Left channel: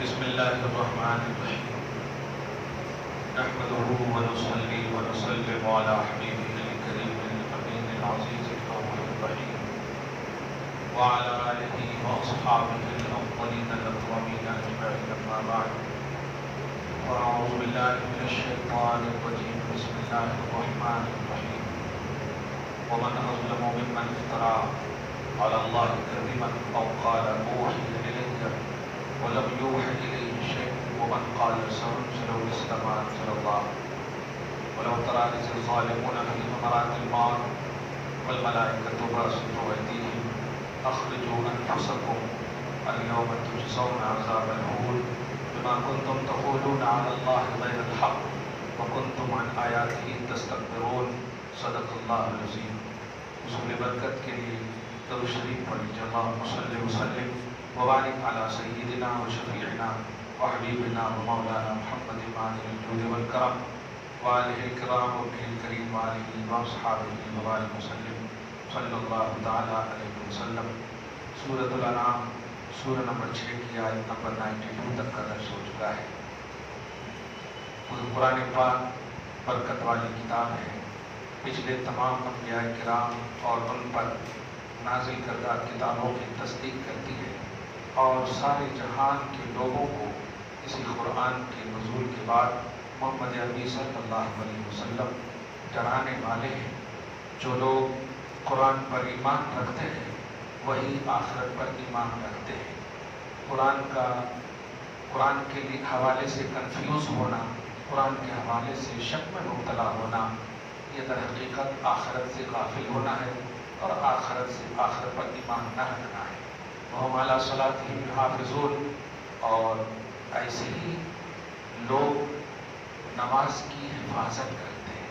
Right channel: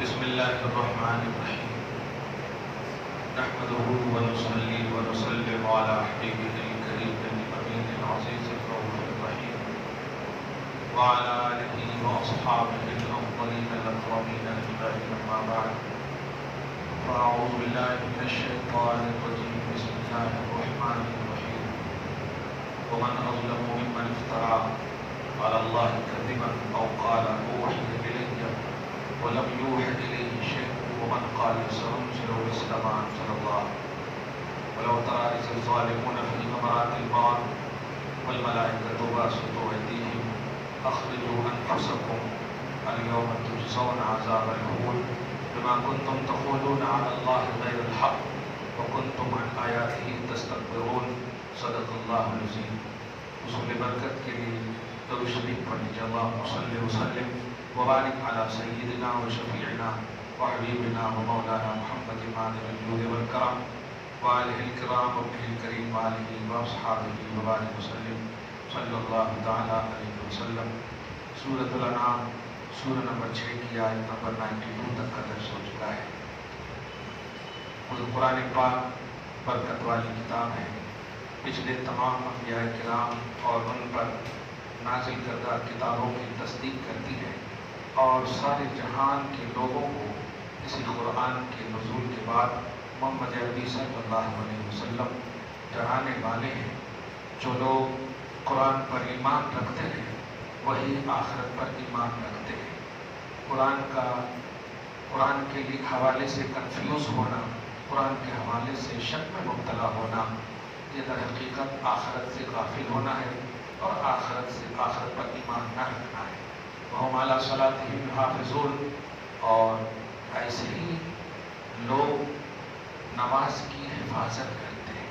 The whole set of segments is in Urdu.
بسم اللہ الرحمن الرحیم نحمده ونصلي ونسلم على حبیبہ الکریم الامین العزیز الرؤوف الرحیم وعلى آلہ واصحابہ الافضلین الاکرمین اجمعین اما بعد فاعوذ باللہ من الشیطان الرجیم بسم اللہ الرحمن الرحیم ومن اظلم ممن افترى على الله كذبا او قال اوحي الي ولم يوحى إليه شيء ومن قال سأنزل مثل ما أنزل الله ولو ترى إذ الظالمون في غمرات الموت والملائكة باسطوا أيديهم أخرجوا أنفسكم اليوم تجزون عذاب الهون بما كنتم تقولون على الله غير الحق وكنتم عن آياته تستكبرون صدق الله العظيم. حصول برکت کے لیے درود شریف پڑھیے. اللهم صل وسلم وبارک علی سیدنا و شفیعنا و حبیبنا و مولانا محمد ماہر الجود والکرم وآلہ الکرام و ابنہ الکریم و آلہ و اصحابہ وبارک وسلم صلی اللہ تعالی علیہ وسلم. سورۃ الانعام سورہ نمبر 6 کی آیت نمبر 92 تک کا درس ہو چکا ہے. قرآن پاک برکت والی کتاب ہے. پچھلے تمام انبیاء کرام اور ان پر نازل کردہ کتابوں کی تصدیق کرتی ہے اور سارے جہان کے لوگوں کو اسی قرآن کے نزول کے بعد محمد عربی صلی اللہ علیہ وسلم جڑانے والے ہیں. جو لوگ قرآن پر ایمان رکھتے ہیں وہی آخرت پر ایمان رکھتے ہیں. قرآن کے حوالے سے کنفیوز ہونا، قرآن کے حوالے سے شک میں مبتلا ہونا، یہ در حقیقت آخرت سے غافل ہونا ہے اور آخرت پر ایمان نہ رکھنا ہے. وَهُمْ عَلَىٰ صَلَاتِهِمْ يُحَافِظُونَ. اور ایسے ہی لوگ نماز کی حفاظت کرتے ہیں.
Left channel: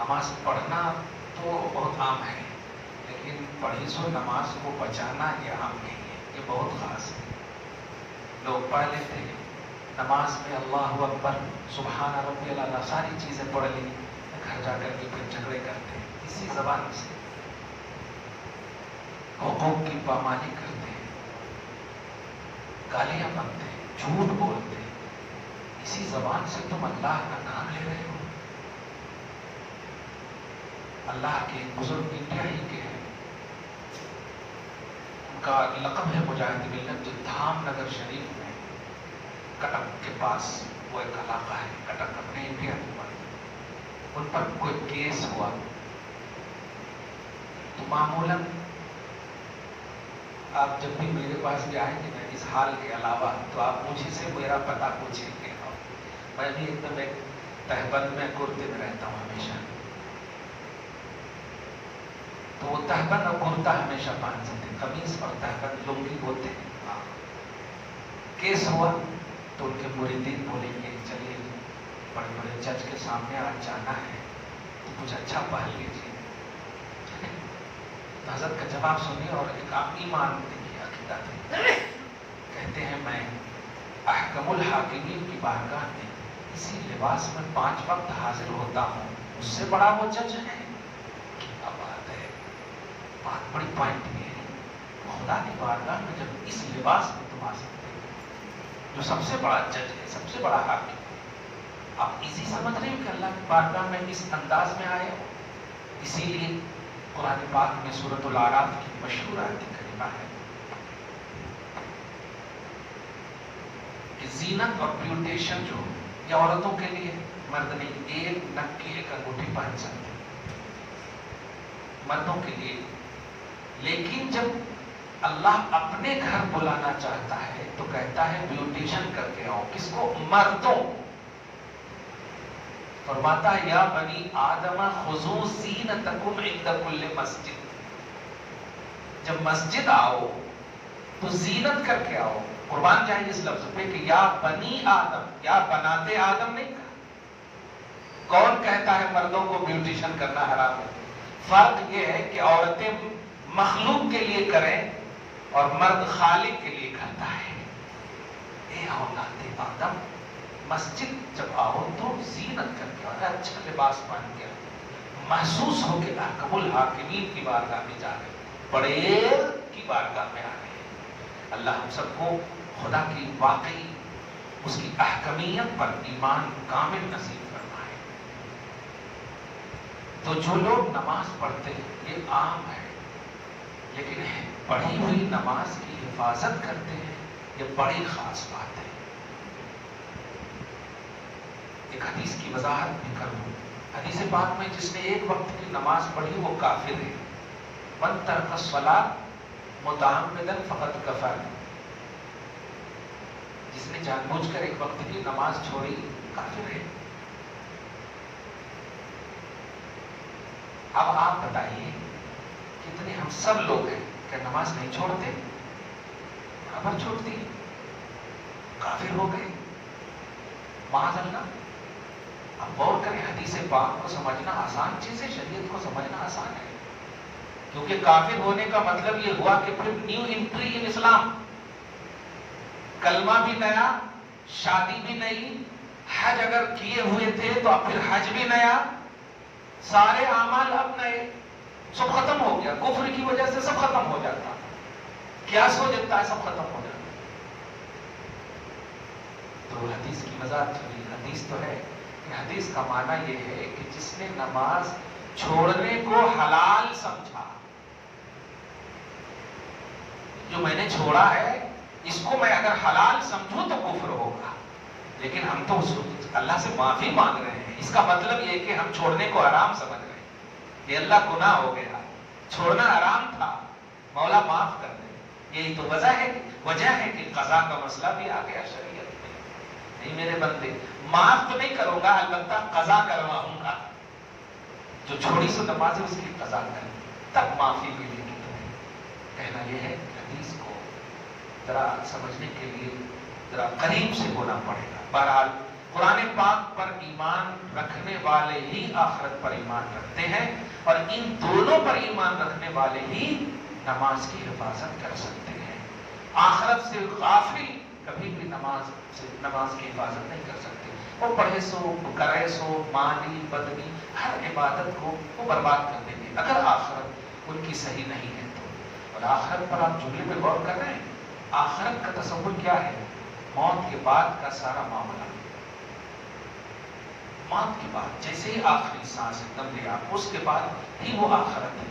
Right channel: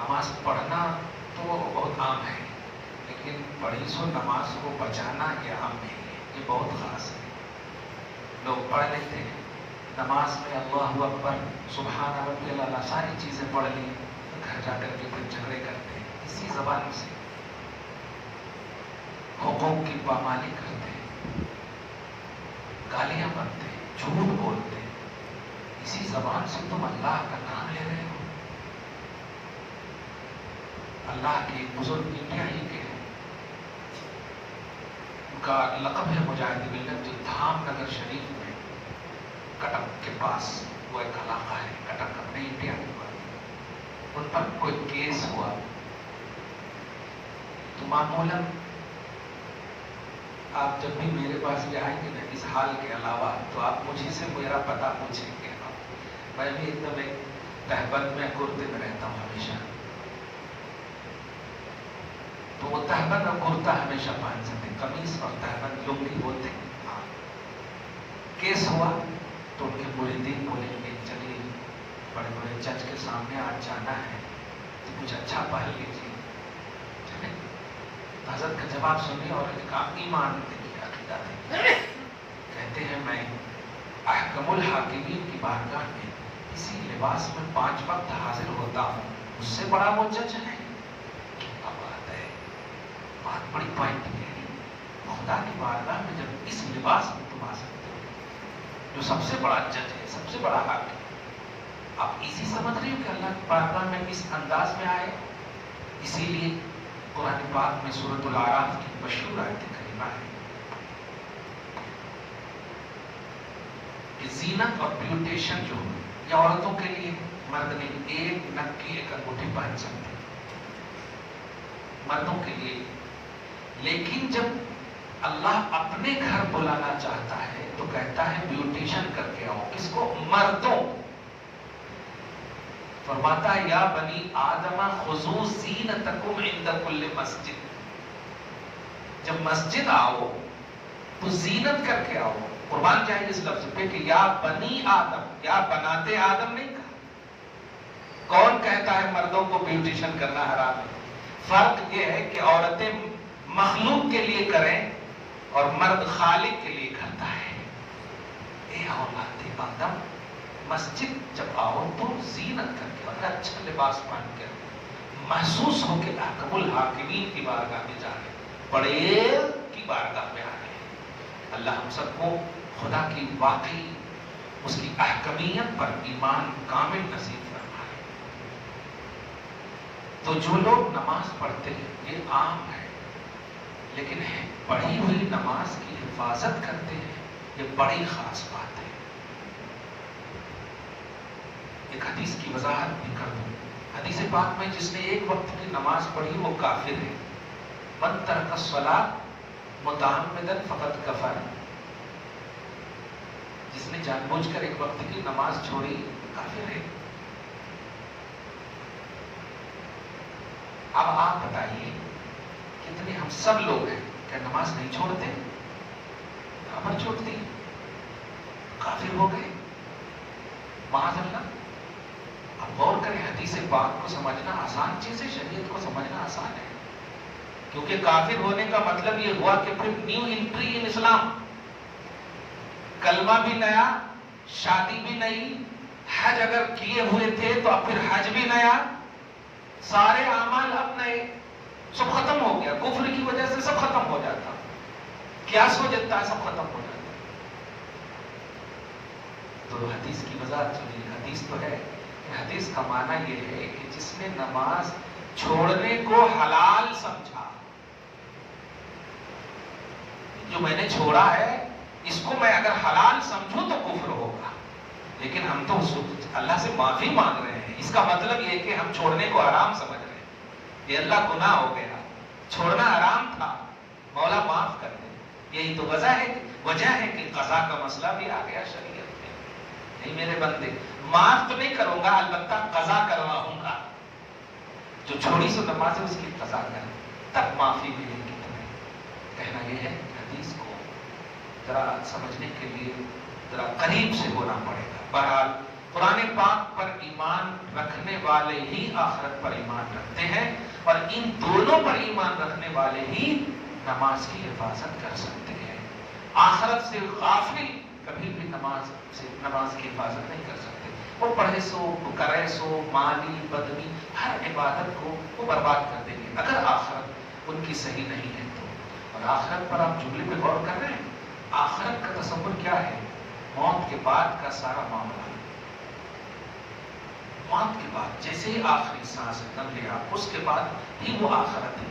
نماز پڑھنا تو بہت عام ہے، لیکن پڑھی سو نماز کو بچانا یہ عام نہیں ہے، یہ بہت خاص ہے. لوگ پڑھ لیتے ہیں نماز میں اللہ اکبر سبحان ربی الاعلیٰ ساری چیزیں پڑھ لی، گھر جا کر کے پھر جھگڑے کرتے ہیں اسی زبان سے، حقوق کی پامالی کرتے ہیں، گالیاں بکتے ہیں، جھوٹ بولتے ہیں. اسی زبان سے تم اللہ کا نام لے رہے ہو. اللہ کے بزرگ انڈیائی کے ہیں، ان کا لقب ہے مجاہد ملت، جو دھام نگر شریف میں کٹک کے پاس وہ ایک علاقہ ہے، کٹک اپنے انڈیا کے پاس. ان پر کوئی کیس ہوا تو معمولاً آپ جب بھی میرے پاس بھی آئیں گے نا اس حال کے علاوہ تو آپ مجھے سے میرا پتہ پوچھیں گے. میں بھی ایک دم ایک تہبند میں کرتے میں رہتا ہوں ہمیشہ، تو وہ تہبند اور کرتا ہمیشہ پہن سکتے، قمیص اور تہبند لنگی بولتے ہیں. کیس ہوا تو ان کے مریدین بولیں گے چلیے بڑے بڑے جج کے سامنے آج جانا ہے تو کچھ اچھا پہن لیجیے. حضرت کا جواب سنیے اور ایک آپ ایمان دیکھیے عقیدہ تھے. کہتے ہیں میں احکم الحاکمین کی بارگاہ میں اسی لباس میں 5 وقت حاضر ہوتا ہوں، اس سے بڑا وہ جج ہے. کیا بات ہے، بہت بڑی پوائنٹ ہے. خدا کی بارگاہ میں جب اس لباس میں تم آ سکتے ہو، جو سب سے بڑا جج ہے، سب سے بڑا حاکم، آپ ایزی سمجھ رہے ہو کہ اللہ کی بارگاہ میں اس انداز میں آئے. اسی لیے قرآن پاک میں سورۃ الاعراف کی مشہور آیت کریمہ ہے کہ زینت اور بیوٹیشن جو یہ عورتوں کے لیے، مرد نہیں، ایک نک کی ایک انگوٹھی پہن سکتے مردوں کے لیے. لیکن جب اللہ اپنے گھر بلانا چاہتا ہے تو کہتا ہے بیوٹیشن کر کے آؤ. کس کو؟ مردوں. فرماتا ہے یا بنی آدم خذوا زینتکم عند کل مسجد. جب مسجد آؤ تو زینت کر کے آؤ. قربان چاہیے اس لفظ پہ کہ یا بنی آدم، یا بناتے آدم نہیں کہا. کون کہتا ہے مردوں کو بیوٹیشن کرنا حرام ہے؟ فرق یہ ہے کہ عورتیں مخلوق کے لیے کریں اور مرد خالق کے لیے کرتا ہے. اے اولاد آدم، مسجد جب آؤ تو زینت کر کے اور اچھا لباس پہن کر محسوس ہو کہ احکم الحاکمین کی بارگاہ میں جا رہے، بڑے کی بارگاہ میں آ رہے. اللہ ہم سب کو خدا کی واقعی اس کی احکمیت پر ایمان کامل نصیب فرمائے۔ تو جو لوگ نماز پڑھتے ہیں یہ عام ہے، لیکن پڑھی ہوئی نماز کی حفاظت کرتے ہیں یہ بڑی خاص بات ہے۔ ایک حدیث کی وضاحت بھی کر دوں۔ حدیث پاک میں جس نے ایک وقت کی نماز پڑھی وہ کافر ہے۔ من ترک الصلاۃ متعمدا فقد کفر، جس نے جان بوجھ کر ایک وقت کی نماز چھوڑی کافر ہے۔ اب آپ بتائیے کتنے ہم سب لوگ ہیں کہ نماز نہیں چھوڑتے؟ خبر چھوڑتی کافر ہو گئے معاذ اللہ۔ اب غور کریں، حدیث پاک کو سمجھنا آسان چیز ہے، شریعت کو سمجھنا آسان ہے، کیونکہ کافر ہونے کا مطلب یہ ہوا کہ پھر نیو انٹری ان اسلام، کلمہ بھی نیا، شادی بھی نئی، حج اگر کیے ہوئے تھے تو اب پھر حج بھی نیا، سارے اعمال اب نئے، سب ختم ہو گیا۔ کفر کی وجہ سے سب ختم ہو جاتا، قیاس ہو جاتا ہے، سب ختم ہو جاتا ہے۔ تو حدیث کی وضاحت چلیے، حدیث تو ہے، حدیث کا معنی یہ ہے کہ جس نے نماز چھوڑنے کو حلال سمجھا، جو میں نے چھوڑا ہے اس کو میں اگر حلال سمجھوں تو کفر ہوگا، لیکن ہم تو اللہ سے معافی مانگ رہے ہیں۔ اس کا مطلب یہ کہ ہم چھوڑنے کو حرام سمجھ رہے ہیں، یہ اللہ گناہ ہو گیا، چھوڑنا حرام تھا، مولا معاف کر دے۔ یہی تو وجہ ہے کہ قضا کا مسئلہ بھی آ گیا شریعت میں۔ نہیں میرے بندے، معاف تو نہیں کروں گا، البتہ قضا کرواؤں گا، جو چھوڑی سو نماز ہے اس کی قضا کریں، تب معافی ملے گی تمہیں۔ کہنا یہ ہے کہ حدیث کو ذرا سمجھنے کے لیے ذرا قریب سے ہونا پڑے گا۔ بہرحال قرآن پاک پر ایمان رکھنے والے ہی آخرت پر ایمان رکھتے ہیں، اور ان دونوں پر ایمان رکھنے والے ہی نماز کی حفاظت کر سکتے ہیں۔ آخرت سے غافل کبھی بھی نماز کی حفاظت نہیں کر سکتے۔ وہ پڑھے سو کرے سو مالی بدنی ہر عبادت کو وہ برباد کر دیں گے اگر آخرت ان کی صحیح نہیں ہے تو۔ اور آخرت پر آپ جملے پہ غور کر رہے ہیں، آخرت کا تصور کیا ہے؟ موت کے بعد کا سارا معاملہ، موت کے بعد جیسے ہی آخری سانس دم لیا اس کے بعد ہی وہ آخرت ہے۔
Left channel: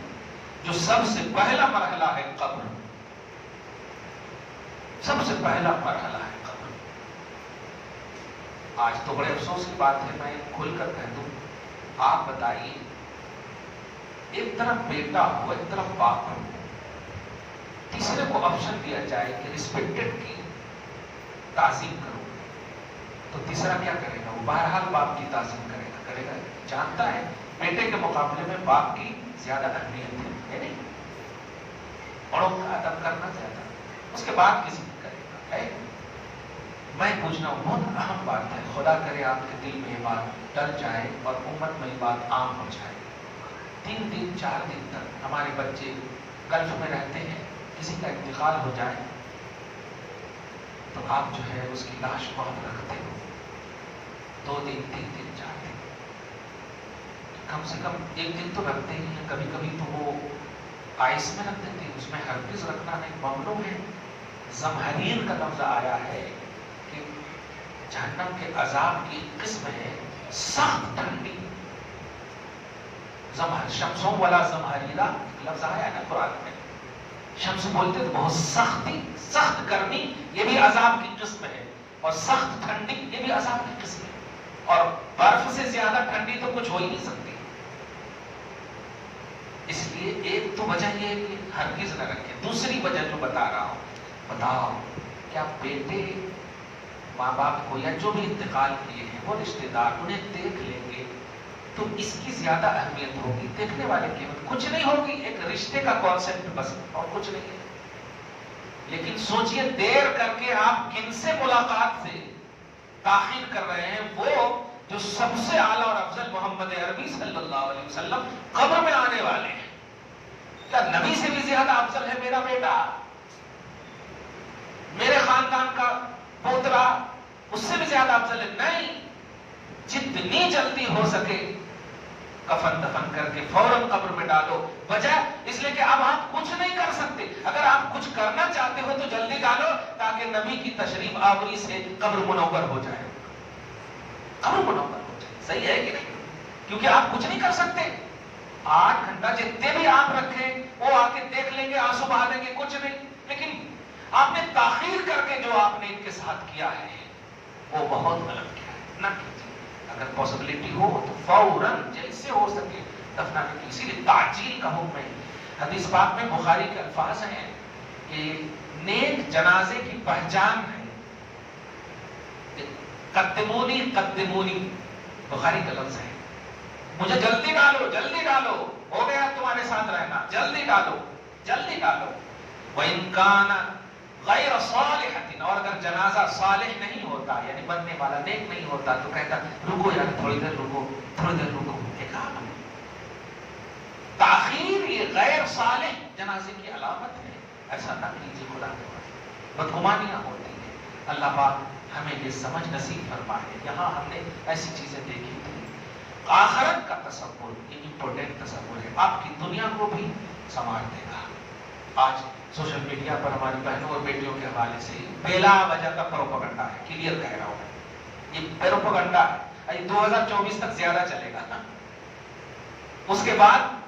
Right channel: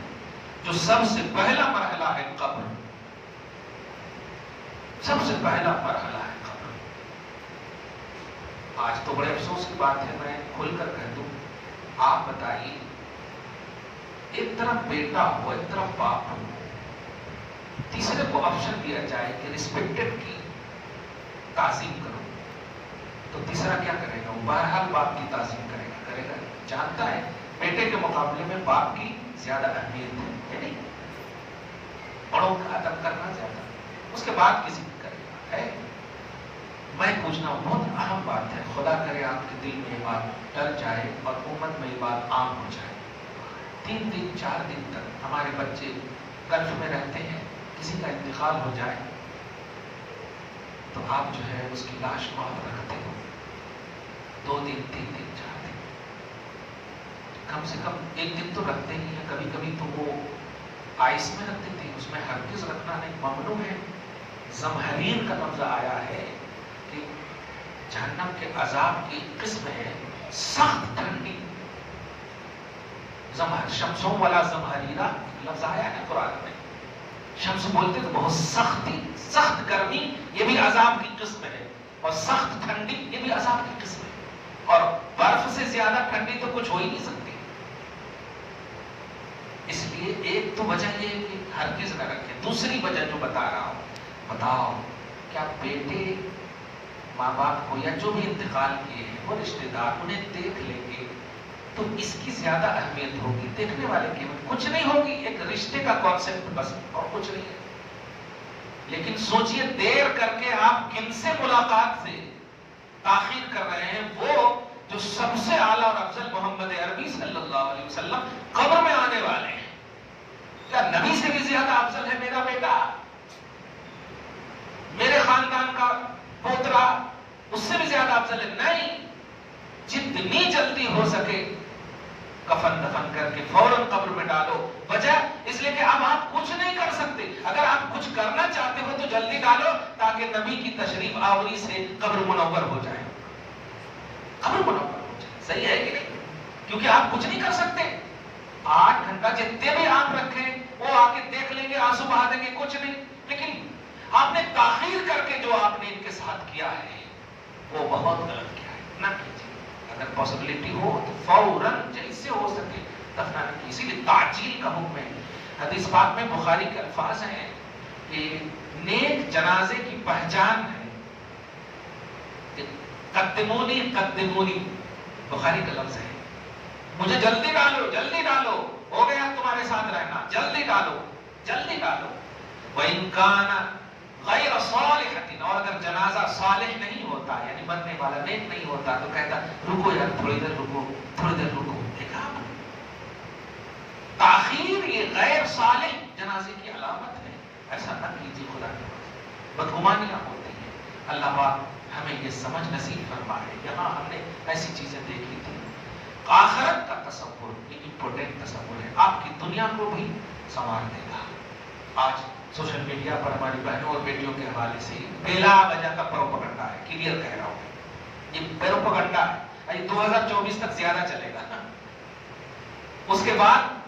جو سب سے پہلا مرحلہ ہے قبر، سب سے پہلا مرحلہ ہے قبر۔ آج تو بڑے افسوس کی بات ہے، میں کھل کر کہہ دوں، آپ بتائیے ایک طرف بیٹا ہو ایک طرف باپ ہو، تیسرے کو آپشن دیا جائے کہ ریسپیکٹڈ کی تعظیم کرو، تو تیسرا کیا کرے گا؟ بہرحال باپ کی تعظیم کرے گا، جانتا ہے بیٹے کے مقابلے میں باپ کی زیادہ اہمیت ہے نہیں، بڑوں کا ادب کرنا زیادہ، اس کے بعد کسی کو کرے گا ہے۔ میں پوچھنا بہت اہم بات ہے، خدا کرے آپ کے دل میں یہ بات ڈر جائے اور امت میں یہ بات عام ہو جائے۔ 3 دن 4 دن تک ہمارے بچے گلف میں رہتے ہیں، کسی کا انتقال ہو جائے تو آپ جو ہے اس کی لاش بہت رکھتے ہو، 2 دن 3 دن 4 دن، کم سے کم 1 دن تو رکھتے ہی ہیں، کبھی کبھی تو وہ آئس میں رکھتے تھے، اس میں ہرگز رکھنا نہیں، ممنوع ہے۔ زمہریر کا لفظ آیا ہے کہ جہنم کے عذاب کی قسم ہے سخت ٹھنڈی، شمسوں والا زمہریرہ لفظ آیا ہے قرآن میں، شمس بولتے تو بہت سختی، سخت گرمی یہ بھی عذاب کی قسم ہے، اور سخت ٹھنڈی یہ بھی عذاب کی قسم ہے، اور برف سے زیادہ ٹھنڈی تو کچھ ہو ہی نہیں سکتی۔ اس لیے ایک تو وجہ یہ ہے کہ ہرگز نہ رکھے، دوسری وجہ جو بتا رہا ہوں، بتاؤ کیا بیٹے ماں باپ کو یا جو بھی انتقال کیے ہیں وہ رشتے دار انہیں دیکھ لیں گے تو اس کی زیادہ اہمیت ہوگی، دیکھنے والے کی کچھ نہیں ہوگی، ایک رشتے کا کانسیپٹ بس اور کچھ نہیں ہے۔ لیکن سوچئے دیر کر کے آپ کن سے ملاقات سے تاخیر کر رہے ہیں؟ وہ جو سب سے اعلیٰ اور افضل محمد عربی صلی اللہ علیہ وسلم قبر میں آنے والے ہیں۔ کیا نبی سے بھی زیادہ افضل ہے میرا بیٹا، میرے خاندان کا پوترا اس سے بھی زیادہ افضل ہے؟ نہیں، جتنی جلدی ہو سکے کفن دفن کر کے فوراً قبر میں ڈالو۔ وجہ اس لیے کہ اب آپ کچھ نہیں کر سکتے، اگر آپ آپ کچھ کرنا چاہتے ہو تو جلدی ڈالو تاکہ نبی کی تشریف آوری سے قبر منور ہو جائے. قبر منور ہو جائے. صحیح ہے کہ نہیں؟ کیونکہ آپ کچھ نہیں کر سکتے. 8 گھنٹہ جتنے بھی آپ رکھیں وہ آ کے دیکھ لیں گے, آنسو بہا دیں گے, کچھ نہیں. لیکن آپ نے تاخیر کر کے جو آپ نے ان کے ساتھ کیا ہے وہ بہت غلط کیا ہے. نہ کیجیے. اگر پاسبلٹی ہو تو فوراً جیسے ہو سکے دفنانے کی. اسی لیے تعجیل کا حکم ہے. حدیث پاک میں بخاری کے الفاظ ہیں کہ نیک جنازے کی پہچان ہے قدمونی قدمونی. بخاری کا لفظ ہے مجھے جلدی ڈالو, جلدی ڈالو, ہو گیا تمہارے ساتھ رہنا, جلدی ڈالو, جلدی ڈالو. وَإِن كَانَ غَيْرَ صَالِحَةٍ, اور اگر جنازہ صالح نہیں ہوتا یعنی بننے والا نیک نہیں ہوتا تو کہتا رکو یار, تھوڑی دیر رکو, تھوڑی دیر رکو. دیکھا تاخیر یہ غیر صالح جنازے کی علامت ہے. ایسا نہ کیجیے. خدا کے بدگمانیاں ہوتی ہیں. اللہ پاک ہمیں یہ سمجھ نصیب فرمائے. یہاں ہم نے ایسی چیزیں دیکھی تھی. آخرت کا تصور یہ امپورٹنٹ تصور ہے. آپ کی دنیا کو بھی سنوار دے گا. آج سوشل میڈیا پر ہماری بہنوں اور بیٹیوں کے حوالے سے بلا وجہ کا پروپیگنڈا ہے. کلیئر کہہ رہا ہوں, یہ پروپیگنڈا 2024 تک زیادہ چلے گا, اس کے بعد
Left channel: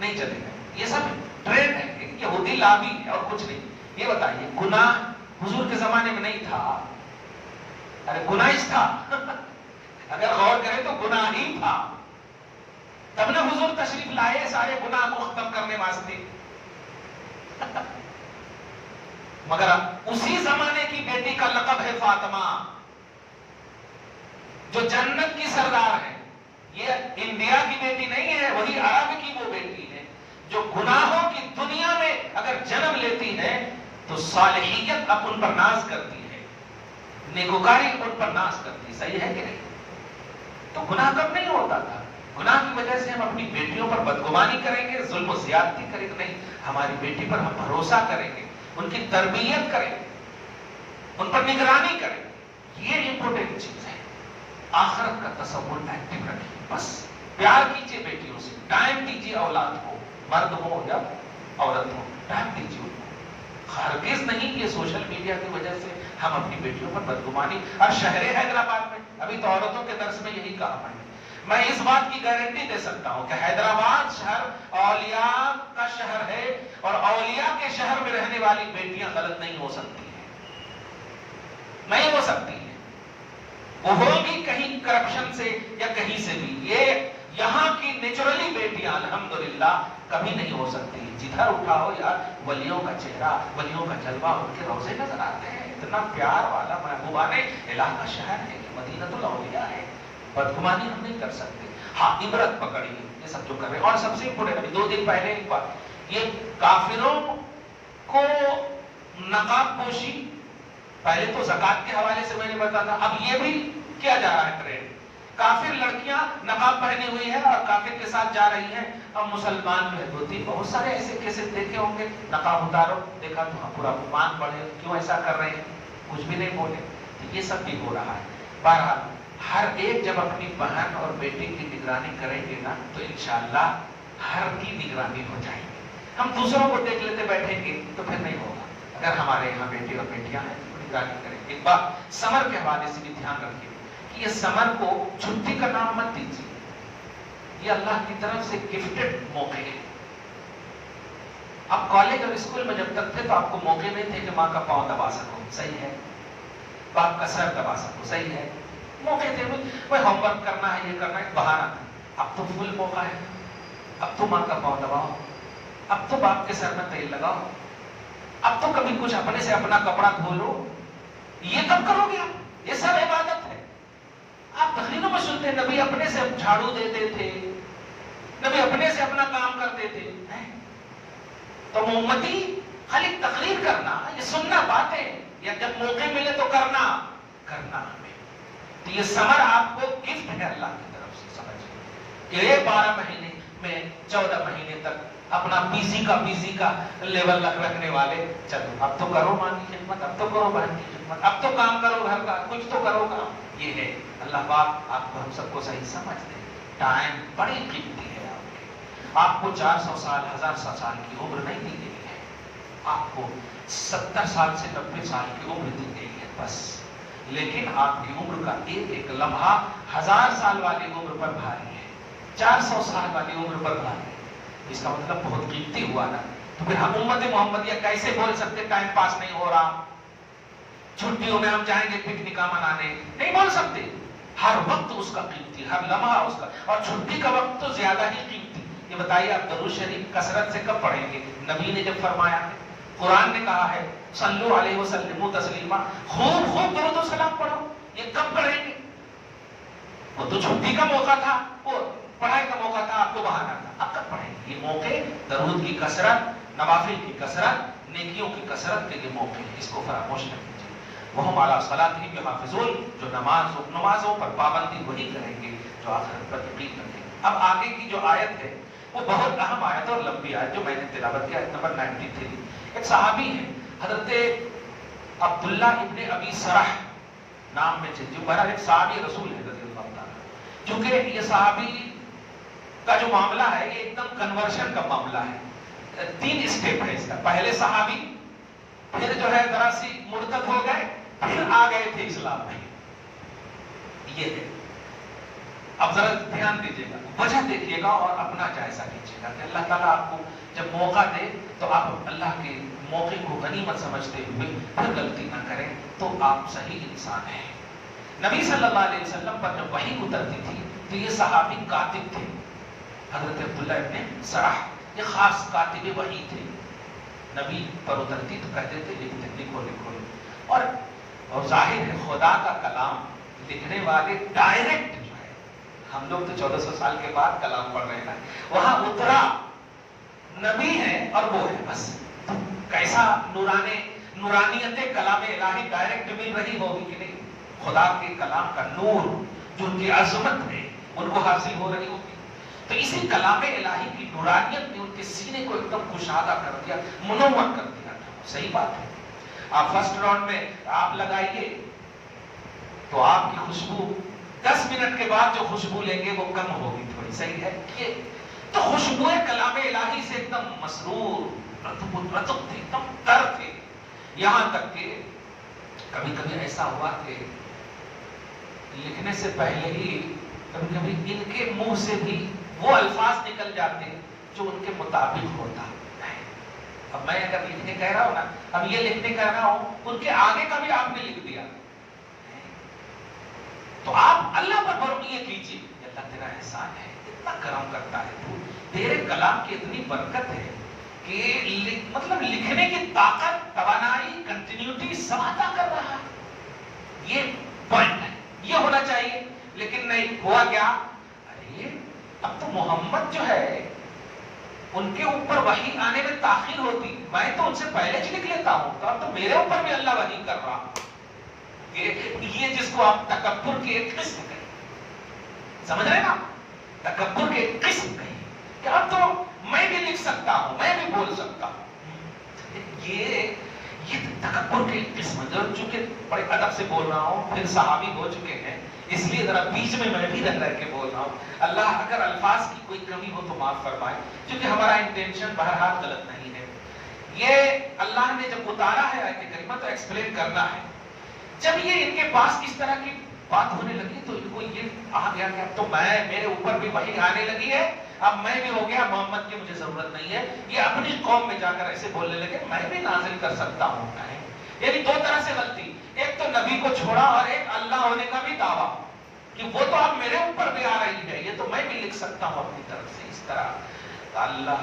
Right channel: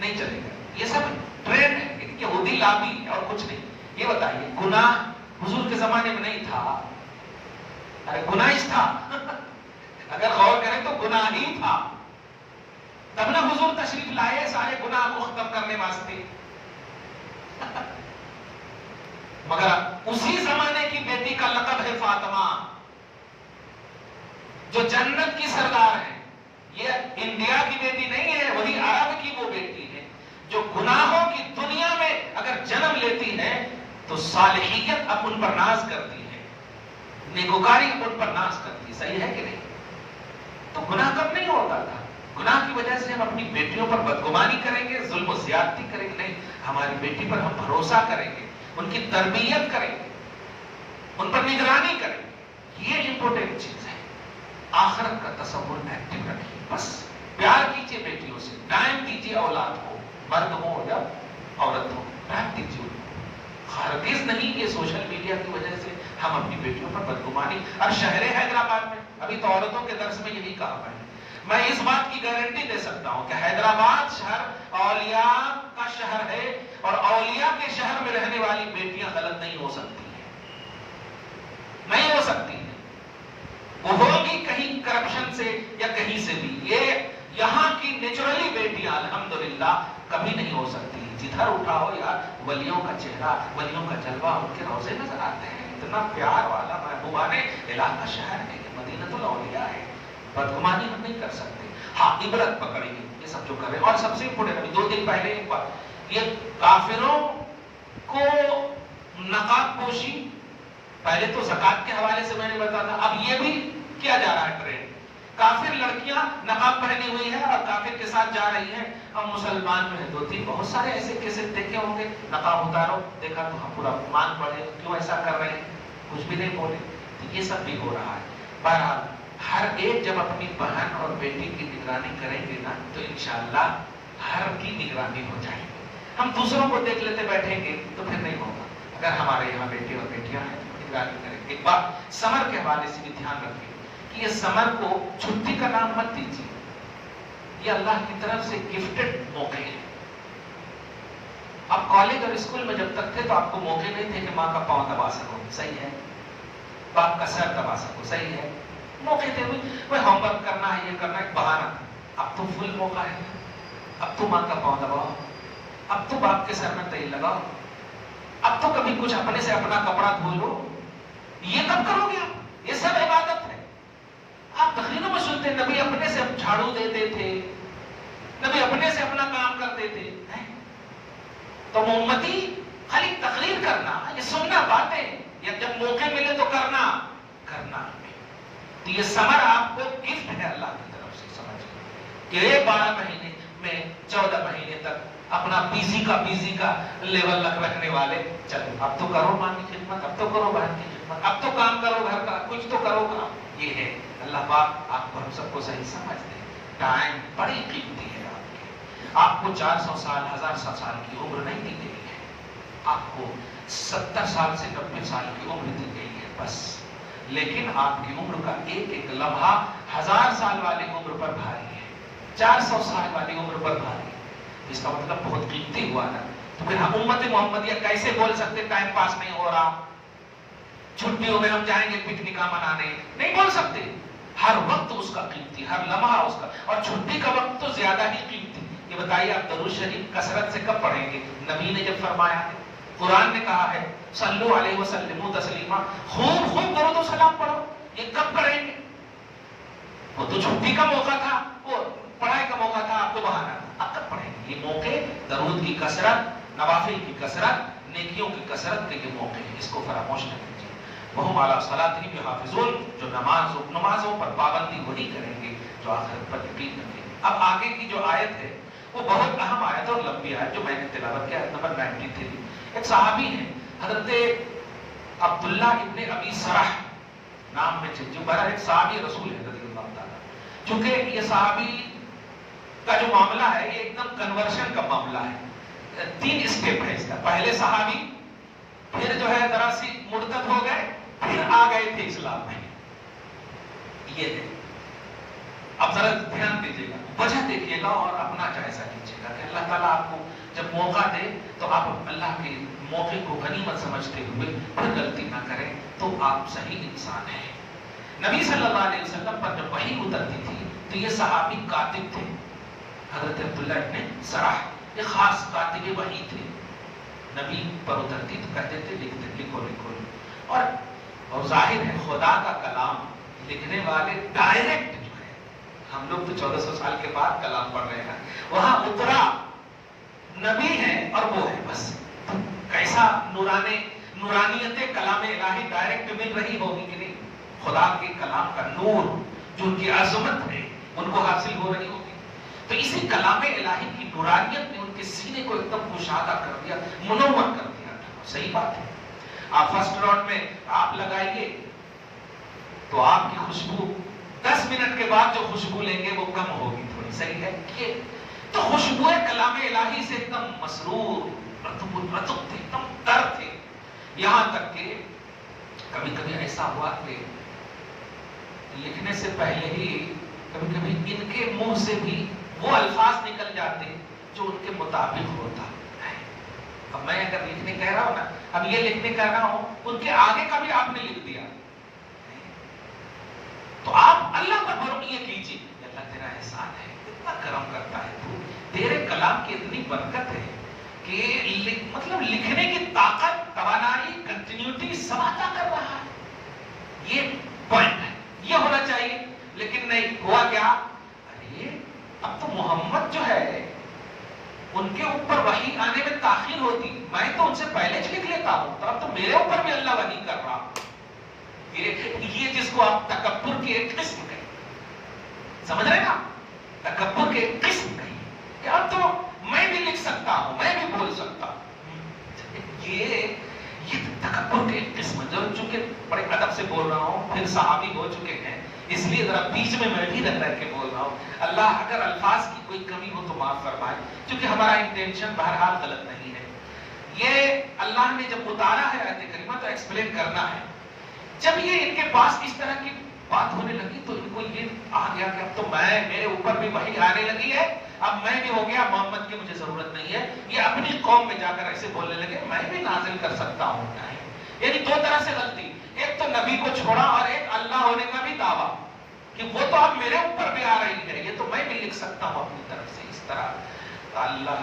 نہیں چلے گا. یہ سب ٹرینڈ ہے, یہودی لابی ہے اور کچھ نہیں. یہ بتائیے گناہ حضور کے زمانے میں نہیں تھا؟ ارے گناہش تھا. اگر غور کریں تو گناہ ہی تھا. تب نے حضور تشریف لائے سارے گناہ کو ختم کرنے واسطے. مگر اسی زمانے کی بیٹی کا لقب ہے فاطمہ, جو جنت کی سردار ہے. یہ انڈیا کی بیٹی نہیں ہے, وہی عرب کی وہ بیٹی ہے جو گناہوں کی دنیا میں اگر جنم لیتی ہے تو صالحیت اب ان پر ناز کرتی ہے, نیکوکاری ان پر ناز کرتی ہے. صحیح ہے کہ نہیں؟ تو گناہ کب نہیں ہوتا تھا. گناہ کی وجہ سے ہم اپنی بیٹیوں پر بدگمانی کریں گے, ظلم و زیادتی کریں گے. نہیں, ہماری بیٹی پر ہم بھروسہ کریں گے, ان کی تربیت کریں گے, ان پر نگرانی کریں گے. یہ امپورٹنٹ چیز ہے. آخرت کا تصور ایکٹیو رکھیے. بس پیار کیجیے بیٹیوں سے, ٹائم دیجیے اولاد کو, مرد ہو یا عورت ہو, ٹائم دیجیے. ہرگز نہیں یہ سوشل میڈیا کی وجہ سے ہم اپنی بیٹیوں پر بدگمانی. اب شہر حیدرآباد میں ابھی تو عورتوں کے درس میں یہی کہا ہے. میں اس بات کی گارنٹی دے سکتا ہوں کہ حیدرآباد شہر اولیاء کا شہر ہے اور اولیاء کے شہر میں رہنے والی بیٹیاں غلط نہیں ہو سکتی ہیں, نہیں ہو سکتی ہیں. وہ ہوگی کہیں کرپشن سے یا کہیں سے بھی. یہ یہاں کی نیچرلی بیٹیاں الحمدللہ کبھی نہیں ہو سکتی. جدھر اٹھاؤ یار ولیوں کا چہرہ, ولیوں کا جلوہ, ان کے روزے نظر آتے ہیں. اتنا پیار والا محبوبان الہ کا شہر ہے, یہ مدینۃ الاولیاء ہے. بدگمانی ہم نہیں کر سکتے. ہاں عبرت پکڑیے یہ سب جو کر رہے ہیں. اور سب سے امپورٹنٹ 2 دن پہلے ایک بات, یہ کافروں کو نقاب پوشی پہلے تو زکات کے حوالے سے میں نے بتایا تھا, اب یہ بھی کیا جا رہا ہے ٹرینڈ. کافر لڑکیاں نقاب پہنی ہوئی ہے اور کافر کے ساتھ جا رہی ہیں. اب مسلمان جو ہے 2-3 بہت سارے ایسے کیسے دیکھے ہوں گے, نقاب اتارو, دیکھا تو ہاں پورا مان پڑے, کیوں ایسا کر رہے ہیں, کچھ بھی نہیں بولے. یہ سب بھی ہو رہا ہے. بہرحال ہر ایک جب اپنی بہن اور بیٹی کی نگرانی کریں گے نا تو انشاءاللہ ہر کی نگرانی ہو جائے گی. ہم دوسروں کو دیکھ لیتے بیٹھیں گے تو پھر نہیں ہوگا. اگر ہمارے یہاں بیٹے اور بیٹیاں ہیں نگرانی کریں. ایک بات سمر کے حوالے سے بھی دھیان رکھیں کہ یہ سمر کو چھٹی کا نام مت دیجیے. یہ اللہ کی طرف سے گفٹڈ موقع ہے. آپ کالج اور اسکول میں جب تک تھے تو آپ کو موقع نہیں تھے کہ ماں کا پاؤں دبا سکو, صحیح ہے, باپ کا سر دبا سکو, صحیح ہے. موقع تھے کوئی ہوم ورک کرنا ہے, یہ کرنا ہے, بہانا تھا. اب تو فل موقع ہے. اب تو ماں کا پاؤں دباؤ, اب تو باپ کے سر میں تیل لگاؤ, اب تو کبھی کچھ اپنے سے اپنا کپڑا دھو لو. یہ کب کرو گے آپ؟ یہ سب عبادت ہے. آپ تقریروں میں سنتے ہیں نبی اپنے سے جھاڑو دیتے تھے, نبی اپنے سے اپنا کام کرتے تھے. تو امتی خالی تقریر کرنا, یہ سننا باتیں, یا جب موقع ملے تو کرنا ہمیں. تو یہ سمر آپ کو گفٹ ہے اللہ کی طرف سے. سمجھیں کہ یہ 12 مہینے میں 14 مہینے تک اپنا بیزی کا لیول رکھنے والے, چلو اب تو کرو ماں کی خدمت, اب تو کرو بہن کی خدمت, اب تو کام کرو گھر کا, کچھ تو کرو کام. یہ ہے. اللہ پاک آپ کو ہم سب کو صحیح سمجھ دے. ٹائم بڑی قیمتی ہے. آپ کو 400 سال 1000 سال کی عمر نہیں دی گئی ہے. آپ آپ کو 70 سال سے 90 سال کی عمر دی گئی ہے بس، لیکن آپ کی عمر کا ایک ایک لمحہ 1000 سال والی عمر پر بھاری ہے، 400 سال والی عمر پر بھاری ہے۔ اس کا مطلب بہت قیمتی ہوا نا۔ تو پھر ہم امت محمدیہ کیسے بول سکتے ٹائم پاس نہیں ہو رہا، چھٹیوں میں ہم جائیں گے پکنکاں منانے، نہیں بول سکتے۔ ہر وقت اس کا قیمتی، ہر لمحہ اس کا، اور چھٹی کا وقت تو زیادہ ہی قیمتی۔ یہ بتائیے آپ درود شریف کثرت سے کب پڑھیں گے؟ نبی نے جب فرمایا ہے، قرآن نے کہا ہے صلو علیہ وسلم تسلیما، خوب خوب درود و سلام پڑھو، یہ کب کریں گے؟ وہ تو چھٹی کا موقع تھا، وہ پڑھائی کا موقع تھا، آپ کو بہانا تھا، اب کب پڑھیں گے؟ یہ موقع درود کی کثرت، نوافل کی کثرت، نیکیوں کی کثرت کے یہ موقع ہے، اس کو فراموش نہ کیجیے۔ وہم علی صلاتہم یحافظون، جو نمازوں پر پابندی وہی کریں گے جو آخرت پر یقین رکھیں گے۔ اب آگے کی جو آیت ہے وہ بہت اہم آیت اور لمبی آیت جو میں نے تلاوت کیا، نمبر 93۔ ایک صحابی ہے حضرت عبداللہ ابن ابی سرح نام میں جو بہرحال ایک صحابی رسول ہے رضی اللہ تعالیٰ۔ چونکہ یہ صحابی کا جو معاملہ ہے یہ ایک دم کنورشن کا معاملہ ہے، 3 اسٹیپ ہے اس کا۔ پہلے صحابی، پھر جو ہے ذرا سی مرتد ہو گئے، پھر آ گئے تھے اسلام میں، یہ ہے۔ اب ذرا دھیان دیجیے گا، وجہ دیکھیے گا اور اپنا جائزہ لیجیے گا کہ اللہ تعالیٰ آپ کو جب موقع دے تو آپ اللہ کے موقع کو غنیمت سمجھتے ہوئے پھر غلطی نہ کریں تو آپ صحیح انسان ہیں۔ نبی صلی اللہ علیہ وسلم پر جب وحی اترتی تھی تو یہ صحابی کاتب تھے، حضرت عبداللہ ابن سرح، یہ خاص کاتب وحی تھے۔ نبی پر اترتی تو کہتے تھے لکھو لکھو، اور ظاہر ہے خدا کا کلام لکھنے والے ڈائریکٹ جو ہے، ہم لوگ تو 1400 سال کے بعد کلام پڑھ رہے ہیں، وہاں اترا نبی ہے اور وہ ہے بس۔ تو کیسا نورانیت کلام الہی ڈائریکٹ مل رہی ہوگی کہ نہیں؟ خدا کے کلام کا نور جو ان کی عظمت ہے ان کو حاصل ہو رہی ہوگی۔ تو اسی کلام الہی کی نورانیت نے ان کے سینے کو ایک دم کشادہ کر دیا، منور کر دیا۔ صحیح بات ہے۔ آپ فرسٹ راؤنڈ میں آپ لگائیے تو آپ کی خوشبو 10 منٹ کے بعد جو خوشبو لیں گے وہ کم ہوگی تھوڑی، صحیح ہے؟ یہ تو خوشبو کلام الہی سے ایک دم مسرور، رطب تھے، ایک دم تر تھے، یہاں تک کہ کبھی کبھی ایسا ہوا کہ لکھنے سے پہلے ہی کبھی کبھی ان کے منہ سے بھی وہ الفاظ نکل جاتے جو ان کے مطابق ہوتا ہے۔ اب میں اگر لکھنے کہہ رہا ہوں نا، اب یہ لکھنے کہہ رہا ہوں، ان کے آگے کا بھی آپ نے لکھ دیا، تو آپ اللہ پر بھروسہ کیجیے، اللہ تیرا احسان ہے، اتنا کرم کرتا ہے تو، تیرے کلام کی اتنی برکت ہے کہ مطلب لکھنے کی طاقت، توانائی، کنٹینیوٹی سب عطا کر رہا ہے۔ یہ پوائنٹ ہے، یہ ہونا چاہیے، لیکن نہیں ہوا کیا؟ ارے اب تو محمد جو ہے ان کے اوپر وحی آنے میں تاخیر ہوتی، میں تو ان سے پہلے لکھ لیتا ہوں، تو اب تو میرے اوپر بھی اللہ وحی کر رہا۔ یہ جس کو آپ تکبر کے ایک قسم کہیں، سمجھ رہے نا؟ تکبر کے ایک قسم کہیں کہ اب تو میں بھی لکھ سکتا ہوں، میں بھی بول سکتا ہوں۔ یہ تکبر کے ایک قسم، جو چونکہ بڑے ادب سے بول رہا ہوں، پھر صحابی ہو چکے ہیں اس لیے ذرا بیچ میں بھی رہ کے بول رہا ہوں۔ اللہ اگر الفاظ کی کوئی کمی ہو تو معاف فرمائے، کیونکہ ہمارا انٹینشن بہرحال غلط نہیں ہے۔ یہ اللہ نے جب اتارا ہے آیت کریمہ تو ایکسپلین کرنا ہے۔ جب یہ ان کے پاس اس طرح کی بات ہونے لگی تو ان کو یہ آ گیا کہ اب تو میرے اوپر بھی وحی آنے لگی ہے، اب میں بھی ہو گیا محمد کی مجھے ضرورت نہیں ہے۔ یہ اپنی قوم میں جا کر ایسے بولنے لگے میں بھی نازل کر سکتا ہوں۔ یعنی 2 طرح سے غلطی، ایک تو نبی کو چھوڑا اور ایک اللہ ہونے کا بھی دعویٰ کہ وہ تو اب میرے اوپر بھی آ رہی ہے، یہ تو میں بھی لکھ سکتا ہوں اپنی طرف سے اس طرح۔ اللہ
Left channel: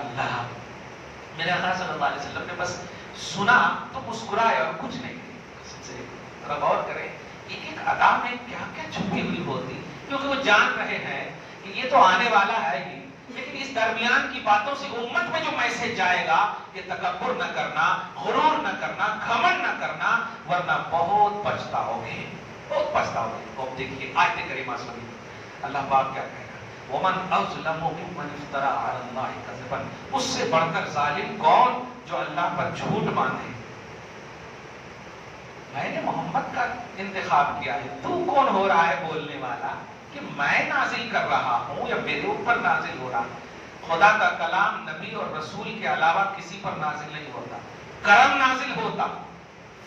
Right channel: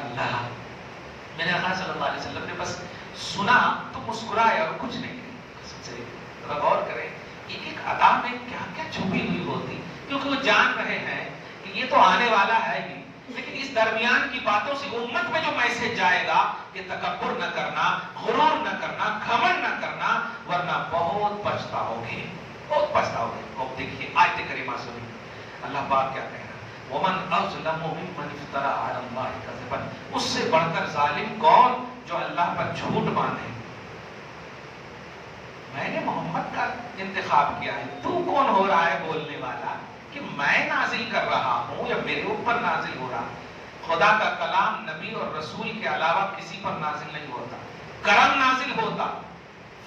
میرے آقا صلی اللہ علیہ وسلم نے بس سنا تو مسکرائے اور کچھ نہیں کہا۔ غور کریں ایک ایک ادا میں کیا کیا چھپی ہوئی ہوتی، کیونکہ وہ جان رہے ہیں کہ یہ تو آنے والا ہے ہی، لیکن اس درمیان کی باتوں سے امت میں جو میسج جائے گا کہ تکبر نہ کرنا، غرور نہ کرنا، گھمنڈ نہ کرنا، ورنہ بہت پچھتاؤ گے، بہت پچھتاؤ گے۔ اب دیکھیے آیت کریمہ سنیے، اللہ پاک کیا کہہ رہا ہے، وَمَنْ أَظْلَمُ مِمَّنِ افْتَرَىٰ عَلَى اللَّهِ كَذِبًا، اس سے بڑھ کر ظالم کون جو اللہ پر جھوٹ باندھے۔ میں نے محمد کا انتخاب کیا ہے، تو کون ہو رہا ہے بولنے والا کہ میں نازل کر رہا ہوں یا میرے اوپر نازل ہو رہا؟ خدا کا کلام نبی اور رسول کے علاوہ کسی پر نازل نہیں ہوتا، کرم نازل ہوتا،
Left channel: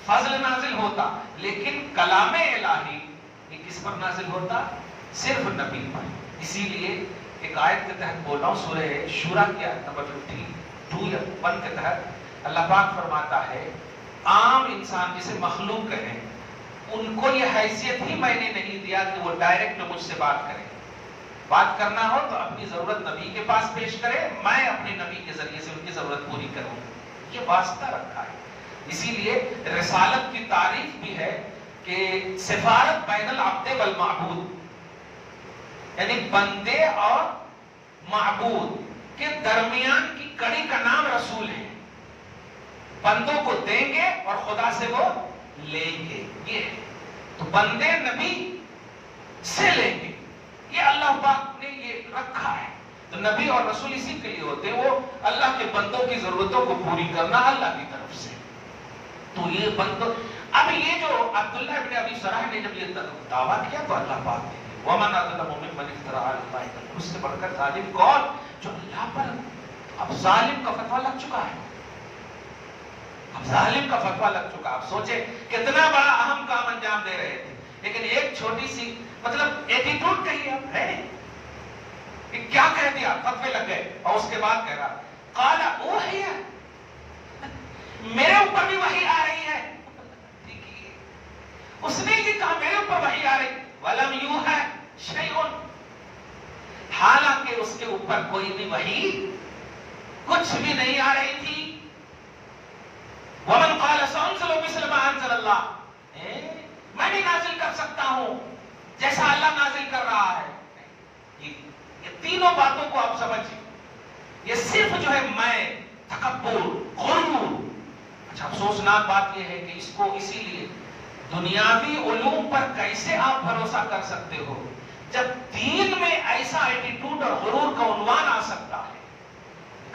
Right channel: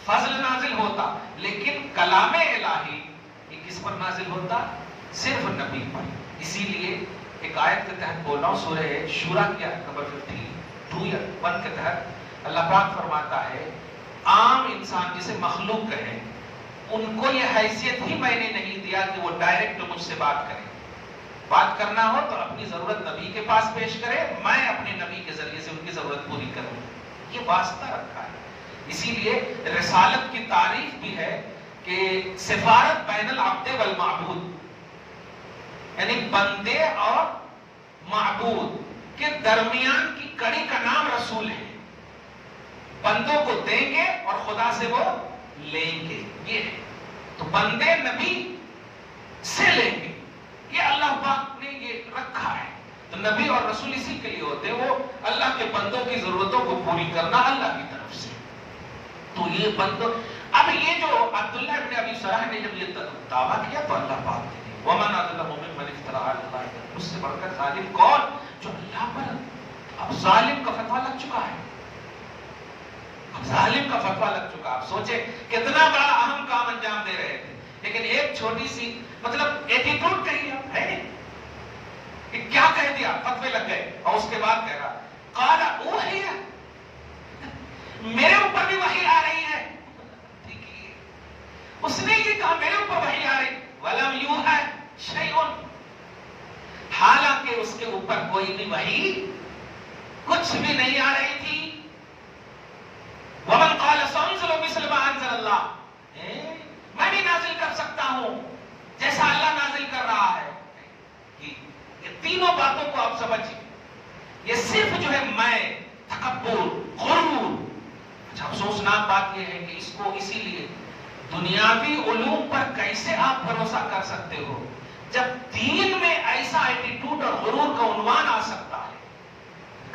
فضل نازل ہوتا، لیکن کلام الہی یہ کس پر نازل ہوتا؟ صرف نبی پر۔ اسی لیے ایک آیت کے تحت بول رہا ہوں، سورہ شورا کی آیت نمبر 52 یا 1 کے تحت اللہ پاک فرماتا ہے عام انسان جسے مخلوق کہیں ان کو یہ حیثیت ہی میں نے نہیں دیا کہ وہ ڈائریکٹ مجھ سے بات کریں۔ بات کرنا ہو تو اپنی ضرورت نبی کے پاس پیش کرے، میں اپنے نبی کے ذریعے سے ان کی ضرورت پوری کروں، یہ واسطہ رکھا ہے۔ اسی لیے رسالت کی تعریف بھی ہے کہ سفارت بین العبد والمعبود، یعنی بندے اور معبود کے درمیان کی کڑی کا نام رسول ہے۔ بندوں کو دیں گے اور خدا سے وہ لیں گے، یہ ہے۔ تو بندے نبی سے لیں گے، یہ اللہ پاک نے یہ رکھا ہے۔ تو نبی اور رسول اسی کے لیے ہوتے ہیں، وہ اللہ کے بندوں کی ضرورتوں کو پوری کرنا اللہ کی طرف سے۔ تو یہ بندوں، اب یہ جو عبداللہ ابن ابی سرح نے جب یہ دعویٰ کیا تو اللہ پاک نے وَمَنْ أَظْلَمُ مِمَّنِ افْتَرَىٰ عَلَى اللَّهِ كَذِبًا، اس سے بڑھ کر ظالم کون؟ جو اللہ پر اب ظالم کا فتویٰ لگ چکا ہے، اب ظالم کا فتویٰ لگ چکا۔ آپ سوچیں کتنا بڑا اہم کام انجام دے رہے تھے، لیکن ایک چھوٹی سی مطلب ایٹیٹیوڈ کہیے آپ ہے کہ کیا کہہ دیا، فتوے لگ گئے، اور اس کے بعد کہہ رہا قال اوحی، میرے اوپر بھی وحی آ رہی ہے۔ اس نے یہ کہا میرے اوپر وحی آ رہی، وَلَمْ يُوحَ شَيْءٌ، حالانکہ اس کے اوپر کوئی بھی وحی کچھ بھی نہیں آ رہی تھی۔ وَمَنْ قَالَ سَأُنزِلُ مِثْلَ مَا أَنزَلَ اللَّهُ، میں بھی نازل کر سکتا ہوں جیسا اللہ نازل کر رہا ہے۔ یہ تینوں باتوں کو آپ سمجھیں، یہ صرف جو ہے میں، تکبر، غرور۔ اچھا افسوسناک بات یہ ہے کہ اس کو اسی لیے دنیاوی علوم پر کیسے آپ بھروسہ کر سکتے ہو جب دین میں ایسا ایٹیٹیوڈ اور غرور کا عنوان آ سکتا ہے۔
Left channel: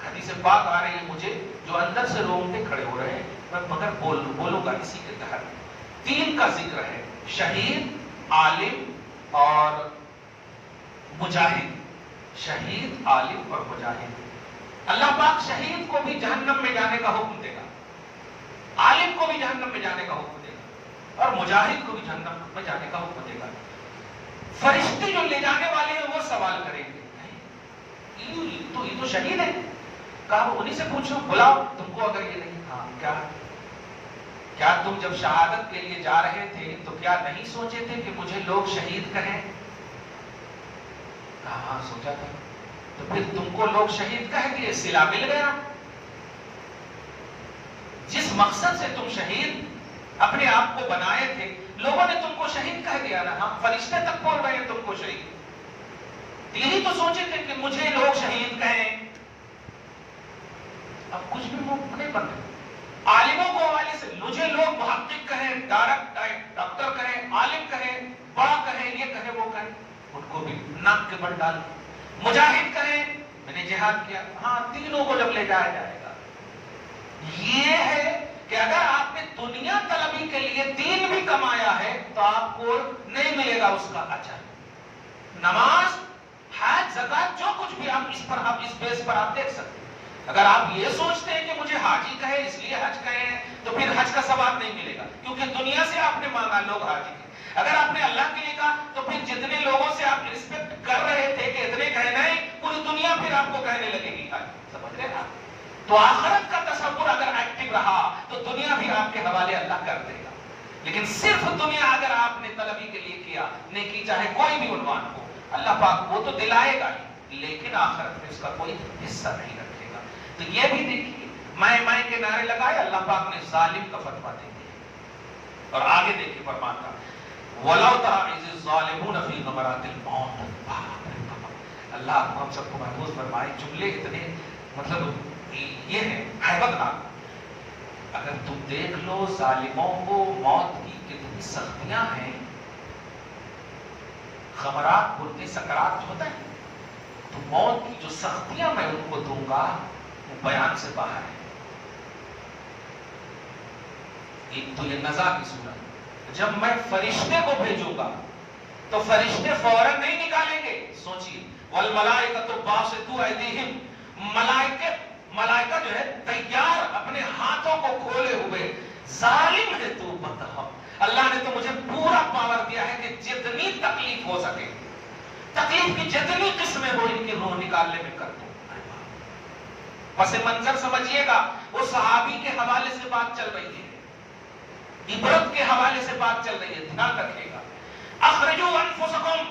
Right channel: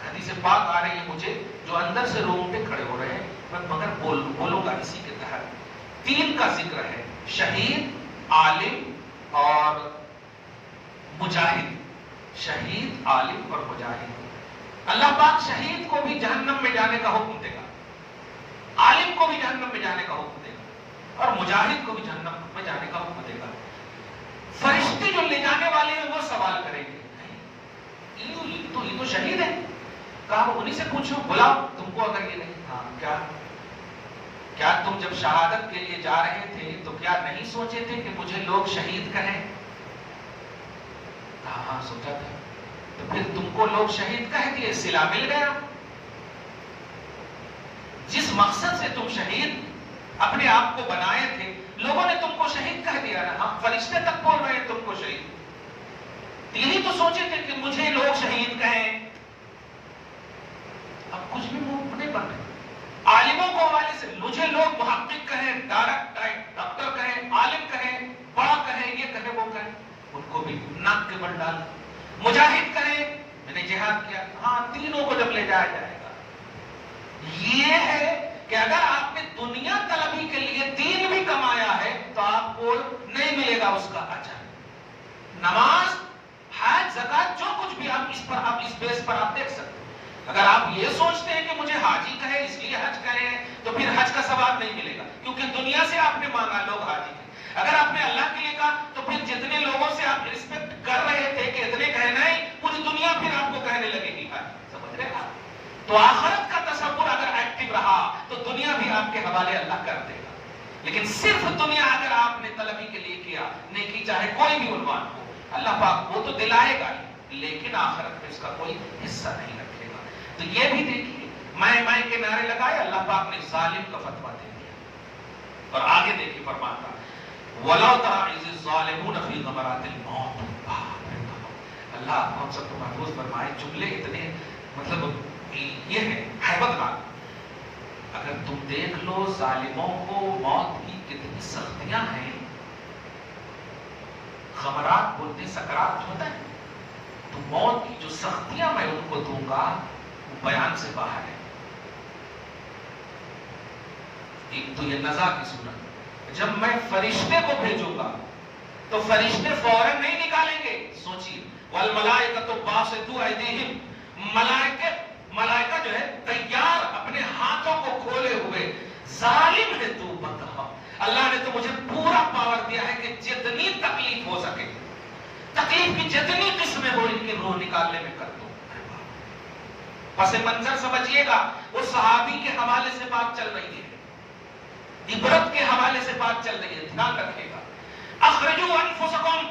حدیث پاک آ رہی ہے مجھے جو اندر سے رونگٹے کھڑے ہو رہے ہیں، میں مگر بولوں گا اسی کے تحت۔ تین کا ذکر ہے، شہید، عالم اور مجاہد۔ شہید، عالم اور مجاہد۔ اللہ پاک شہید کو بھی جہنم میں جانے کا حکم دے گا، عالم کو بھی جہنم میں جانے کا حکم دے گا، اور مجاہد کو بھی جہنم میں جانے کا حکم دے گا۔ فرشتے جو لے جانے والے ہیں وہ سوال کریں گے یہ تو شہید ہے، کہا انہیں سے پوچھو، بلاؤ تم کو اگر یہ نہیں، ہاں کیا تم جب شہادت کے لیے جا رہے تھے تو کیا نہیں سوچے تھے کہ مجھے لوگ شہید کہیں؟ ہاں سوچا تھا۔ تو پھر تم کو لوگ شہید کہہ دیے، صلہ مل گیا۔ جس مقصد سے تم شہید اپنے آپ کو بنائے تھے، لوگوں نے تم کو شہید کہہ دیا نا، ہم فرشتے تک بول رہے ہیں تم کو شہید۔ یہی تو سوچے تھے کہ مجھے لوگ شہید کہیں، اب کچھ بھی منہ نہیں بن رہے۔ عالموں کو حوالے سے مجھے لوگ محقق کہیں، ڈاکٹر کہیں، عالم کہیں، بڑا کہیں، یہ کہیں وہ کہیں، ان کو بھی ناک کے بل ڈال۔ مجاہد کہیں میں نے جہاد کیا، ہاں تینوں کو جب لے جایا جائے گا۔ یہ ہے کہ اگر آپ نے دنیا طلبی کے لیے دین بھی کمایا ہے تو آپ کو نہیں ملے گا اس کا اجر۔ نماز، حج، زکات، جو کچھ بھی آپ اس بیس پر آپ دیکھ سکتے ہیں۔ اگر آپ یہ سوچتے ہیں کہ مجھے حاجی کہے اس لیے حج کہے ہیں تو پھر حج کا ثواب نہیں ملے گا، کیونکہ دنیا سے آپ نے مانگا لوگ حاجی ہیں۔ اگر آپ نے اللہ کے لیے کہا تو پھر جتنے لوگوں سے آپ رسپیکٹ کر رہے تھے کہ اتنے کہنا ہی، پوری دنیا پھر آپ کو کہنے لگے گی حاجی، سمجھ رہے ہیں آپ؟ تو آخرت کا تصور اگر ایکٹیو رہا تو دنیا بھی آپ کے حوالے اللہ کر دے گا۔ لیکن صرف دنیا اگر آپ نے طلبی کے لیے کیا، نیکی چاہے کوئی بھی عنوان ہو، اللہ پاک وہ تو دلائے گا ہی، لیکن آخرت میں اس کا کوئی حصہ نہیں رکھے گا۔ تو یہ بھی دیکھیے، میں کے نعرے لگائے، اللہ پاک نے ظالم کا فتویٰ دے دیا۔ اور آگے دیکھیے فرماتا وَلَوْ تَرَىٰ إِذِ الظَّالِمُونَ فِي غَمَرَاتِ الْمَوْتِ، اللہ آپ کو ہم سب کو محفوظ فرمائے۔ جملے اتنے مطلب یہ ہے ہیبت ناک۔ اگر تم دیکھ لو ظالموں کو موت کی کتنی سختیاں ہیں، غمرات بولتے سکرات ہوتا ہے، تو موت کی جو سختیاں میں ان کو دوں گا وہ بیان سے باہر ہے۔ ایک تو یہ نزا کی صورت، جب میں فرشتے کو بھیجوں گا تو فرشتے فوراً نہیں نکالیں گے۔ سوچئے وَالْمَلَائِكَةُ بَاسِطُو أَيْدِيهِمْ، ملائکہ جو ہے تیار اپنے ہاتھوں آنکھوں کو کھولے ہوئے ظالم ہے تو بتا، اللہ نے تو مجھے پورا پاور دیا ہے کہ جتنی تکلیف ہو سکے، تکلیف کی جتنی قسمیں ہو ان کی روح نکالنے میں کر دوں۔ پس منظر سمجھیے گا، وہ صحابی کے حوالے سے بات چل رہی ہے، عبرت کے حوالے سے بات چل رہی ہے، دھیان رکھیے گا۔ اخرجوا انفسکم،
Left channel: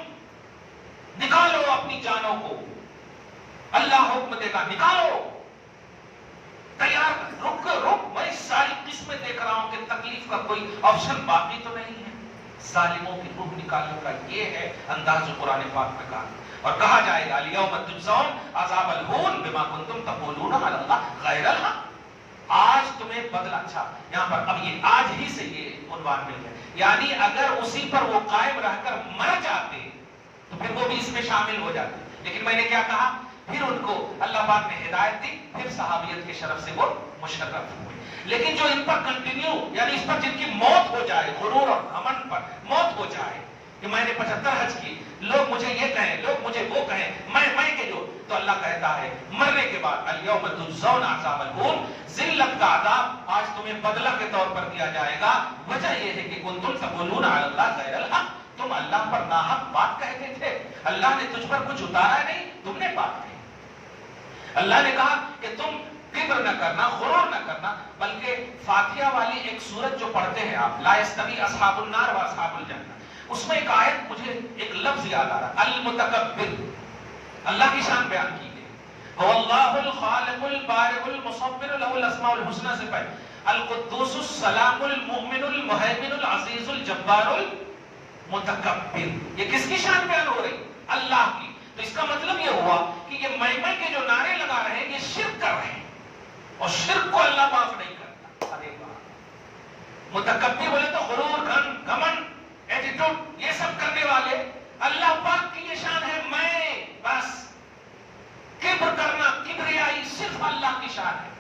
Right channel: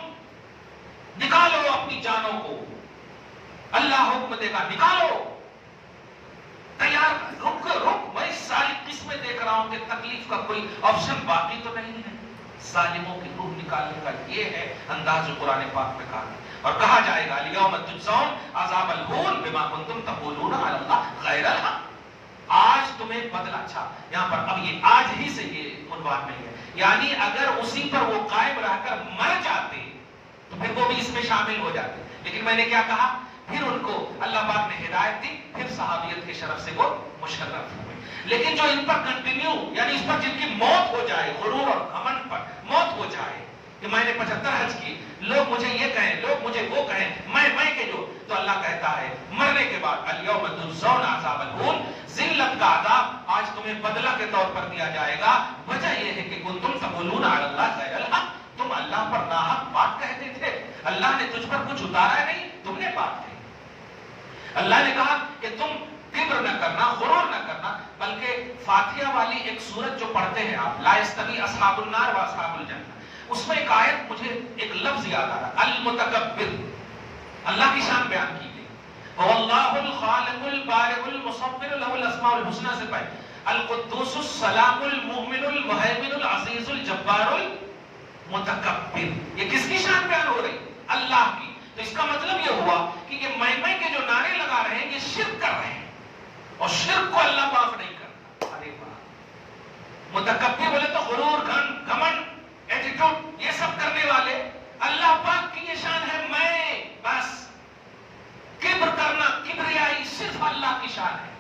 نکالو اپنی جانوں کو، اللہ حکم دے گا نکالو۔ تیار، رک میں ساری قسمیں دیکھ رہا ہوں کہ تکلیف کا کوئی آپشن باقی تو نہیں ہے۔ ظالموں کی روح نکالنے کا یہ ہے انداز قرآن پاک میں کہا، اور کہا جائے گا الیوم تجزون عذاب الہون بما کنتم تقولون علی اللہ غیر الحق، آج تمہیں بدلہ۔ اچھا، یہاں پر اب یہ آج ہی سے یہ عنوان مل گیا، یعنی اگر اسی پر وہ قائم رہ کر مر جاتے تو پھر وہ بھی اس میں شامل ہو جاتے، لیکن میں نے کیا کہا، پھر ان کو اللہ پاک نے ہدایت دی، پھر صحابیت کے شرف سے وہ مشرف ہوئے۔ لیکن جو ان پر کنٹینیو، یعنی اس پر جن کی موت ہو جائے، غرور اور گھمنڈ پر موت ہو جائے کہ میں نے 75 حج کی، لوگ مجھے یہ کہیں، لوگ مجھے وہ کہیں، میں کہ جو، تو اللہ کہتا ہے مرنے کے بعد الیوم تجزون عذاب الہون، ذلت کا عذاب آج تمہیں بدلہ کے طور پر دیا جائے گا۔ وجہ یہ ہے کہ کنتم تقولون علی اللہ غیر الحق، تم اللہ پر ناحق بات کہتے تھے، اللہ نے تجھ پر کچھ اتارا نہیں، تم نے بات کہی۔ اللہ نے کہا کہ تم کبر نہ کرنا، غرور نہ کرنا، بلکہ فاتحہ والی ایک سورت جو پڑھتے ہیں آپ، لا یستوی اصحاب النار و اصحاب الجنہ، اس میں ایک آیت مجھے ایک لفظ یاد آ رہا، المتکبر، اللہ کی شان بیان کی گئی، واللہ الخالق البارئ المصور له الاسماء الحسنى سے پہلے القدوس السلام المؤمن المہیمن العزیز الجبار المتکبر، یہ کس کی شان بیان ہو رہی؟ اللہ کی۔ تو اس کا مطلب یہ ہوا کہ یہ میں کے جو نعرے لگا رہے ہیں یہ شرک کر رہے ہیں، اور شرک کو اللہ معاف نہیں کرتا۔ ارے واہ، متکبر بولے تو غرور، گھمنڈ، ایٹیٹیوڈ، یہ سب کرنے والے، اللہ پاک کی یہ شان ہے، میں بس کبر کرنا، کبریائی صرف اللہ کی شان ہے،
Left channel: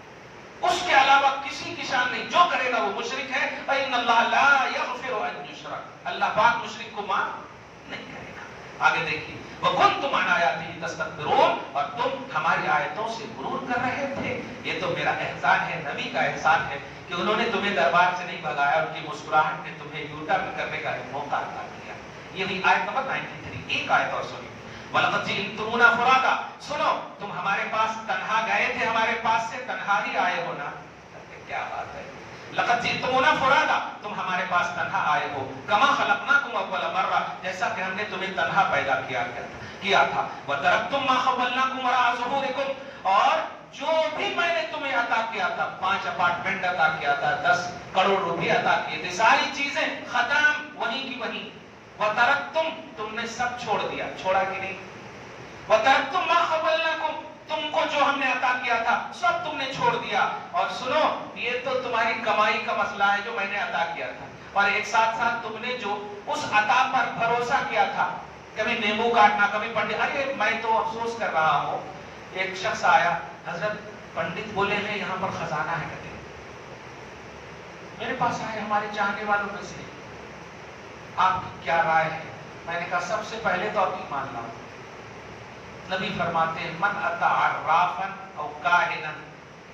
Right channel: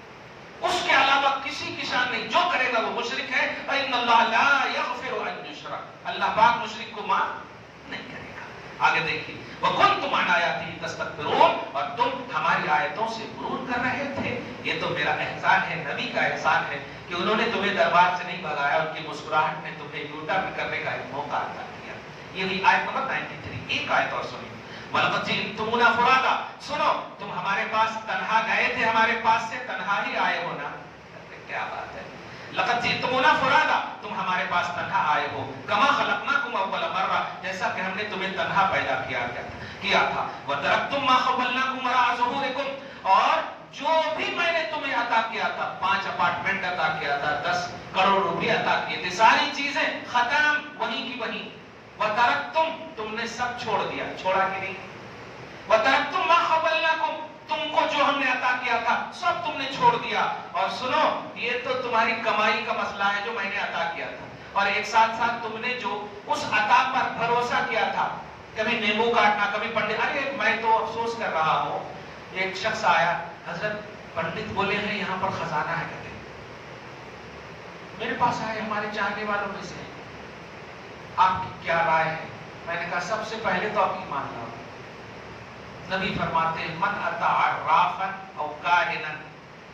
اس کے علاوہ کسی کی شان نہیں، جو کرے گا وہ مشرک ہے۔ وَإِنَّ اللَّهَ لَا يَغْفِرُ أَن يُشْرَكَ، اللہ پاک مشرک کو معاف نہیں کرے گا۔ آگے دیکھیے، وَكُنْتُمْ عَنْ آيَاتِهِ تَسْتَكْبِرُونَ، اور تم ہماری آیتوں سے غرور کر رہے تھے۔ یہ تو میرا احسان ہے، نبی کا احسان ہے کہ انہوں نے تمہیں دربار سے نہیں بھگایا، ان کی مسکراہٹ نے تمہیں یوٹا بھی کرنے کا ایک موقع عطا کیا۔ یہ بھی آیت نمبر 93، ایک آیت اور سنی، وَلَقَدْ جِئْتُمُونَا فُرَادًا، سنو تم ہمارے پاس تنہا گئے تھے، ہمارے پاس سے تنہا ہی آئے ہو نا، کیا بات ہے، لَقَدْ جِئْتُمُونَا فُرَادًا، تم ہمارے پاس تنہا آئے ہو، كَمَا خَلَقْنَاكُمْ أَوَّلَ مَرَّةٍ، جیسا کہ ہم نے تمہیں تنہا پیدا کیا تھا، وَتَرَكْتُمْ مَا خَوَّلْنَاكُمْ وَرَاءَ ظُهُورِكُمْ، اور جو بھی میں نے تمہیں عطا کیا تھا، 5 اپارٹمنٹ عطا کیا تھا، 10 کروڑ روپے عطا کیے تھے، ساری چیزیں ختم، وہیں کی وہیں، وَتَرَكْتُمْ، تم نے سب چھوڑ دیا، چھوڑا کہ نہیں، وَتَرَكْتُمْ مَا خَوَّلْنَاكُمْ، تم کو جو ہم نے عطا کیا تھا سب تم نے چھوڑ دیا، اور سنو یہ تو تمہاری کمائی کا مسئلہ ہے جو میں نے عطا کیا تھا، اور ایک ساتھ ساتھ تم نے جو اس عطا پر بھروسہ کیا تھا، کبھی نیمبو کاٹنا، کبھی پنڈت، ارے میں تو افسوس کر رہا ہوں، ایک شخص آیا، حضرت پنڈت بولے ہیں یہاں پر خزانہ ہے، کہتے میرے پاس آئے ہمارے چاہنے والوں میں سے، آپ کی کیا رائے ہے؟ میں نے کہا سب سے پہلے تو آپ ایمان لاؤ، نبی فرماتے ہیں من اتی عرافا او کاہنا،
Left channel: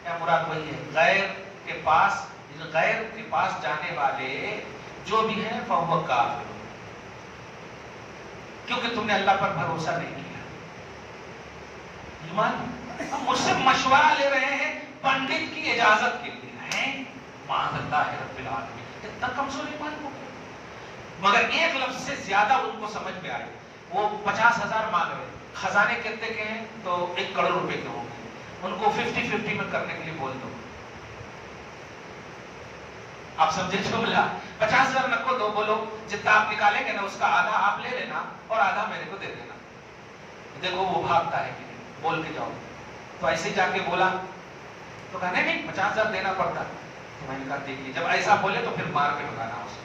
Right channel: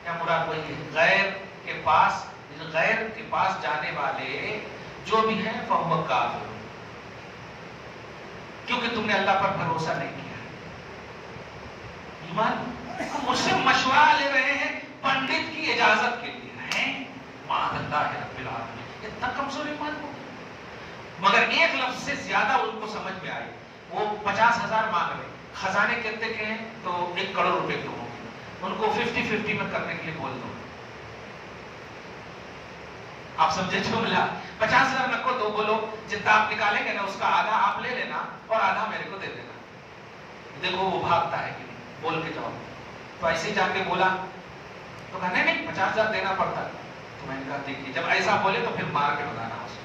یا مراد وہی ہے غیر کے پاس جانے والے جو بھی ہیں فہو کافر، کیونکہ تم نے اللہ پر بھروسہ نہیں کیا۔ ایمان مجھ سے مشورہ لے رہے ہیں پنڈت کی اجازت کے لیے، ہیں معاذ اللہ رب العالمین، اتنا کمزور ایمان کو، مگر ایک لفظ سے زیادہ ان کو سمجھ میں آئی، وہ 50,000 مانگ رہے، خزانے کتنے کے ہیں تو 1 کروڑ روپے کے ہوں گے، ان کو 50-50 میں کرنے کے لیے بول دو، آپ سمجھے جو بولا، 50,000 نہ کو دو، بولو جتنا آپ نکالیں گے نا اس کا آدھا آپ لے لینا اور آدھا میرے کو دے دینا، دیکھو وہ بھاگتا ہے کہ نہیں، بول کے جاؤ، تو ایسے جا کے بولا تو کہا نہیں 50,000 دینا پڑتا، تو میں نے کہا دیکھیے جب ایسا بولے تو پھر مار کے بتانا اسے،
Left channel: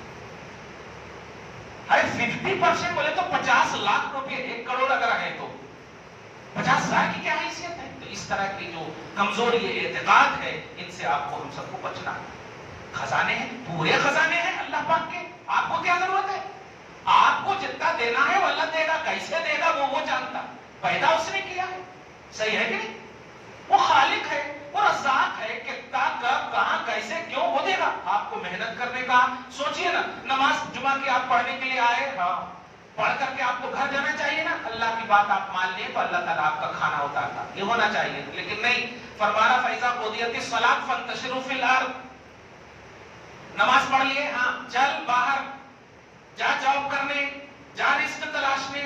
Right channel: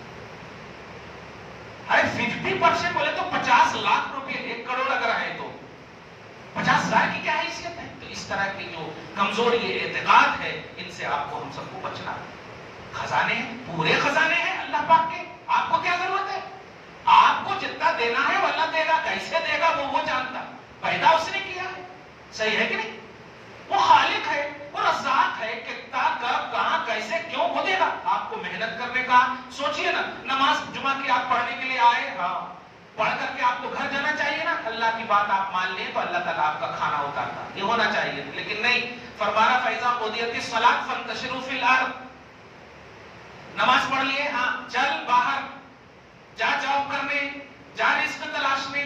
ارے 50% بولے تو 50 لاکھ روپے، 1 کروڑ اگر ہے تو 50,000 کی کیا حیثیت ہے؟ تو اس طرح کی جو کمزوری اعتقاد ہے ان سے آپ کو ہم سب کو بچنا ہے۔ خزانے ہیں، پورے خزانے ہیں اللہ پاک کے، آپ کو کیا ضرورت ہے؟ آپ کو جتنا دینا ہے وہ اللہ دے گا، کیسے دے گا وہ جانتا، پیدا اس نے کیا ہے، صحیح ہے کہ نہیں؟ وہ خالق ہے، وہ رزاق ہے، کتنا کب کہاں کیسے کیوں وہ دے گا. آپ کو محنت کرنے کا سوچئے نا. نماز جمعہ کی آپ پڑھنے کے لیے آئے، ہاں پڑھ کر کے آپ کو گھر جانا چاہیے نا. اللہ کی بات آپ مان لیں تو اللہ تعالیٰ آپ کا کھانا اتارتا، یہ ہونا چاہیے. لیکن نہیں، فرمانا فیضا قضیت الصلاۃ فانتشروا فی الارض. نماز پڑھ لیے، ہاں چل باہر جا جاب کرنے، جا رزق تلاشنے.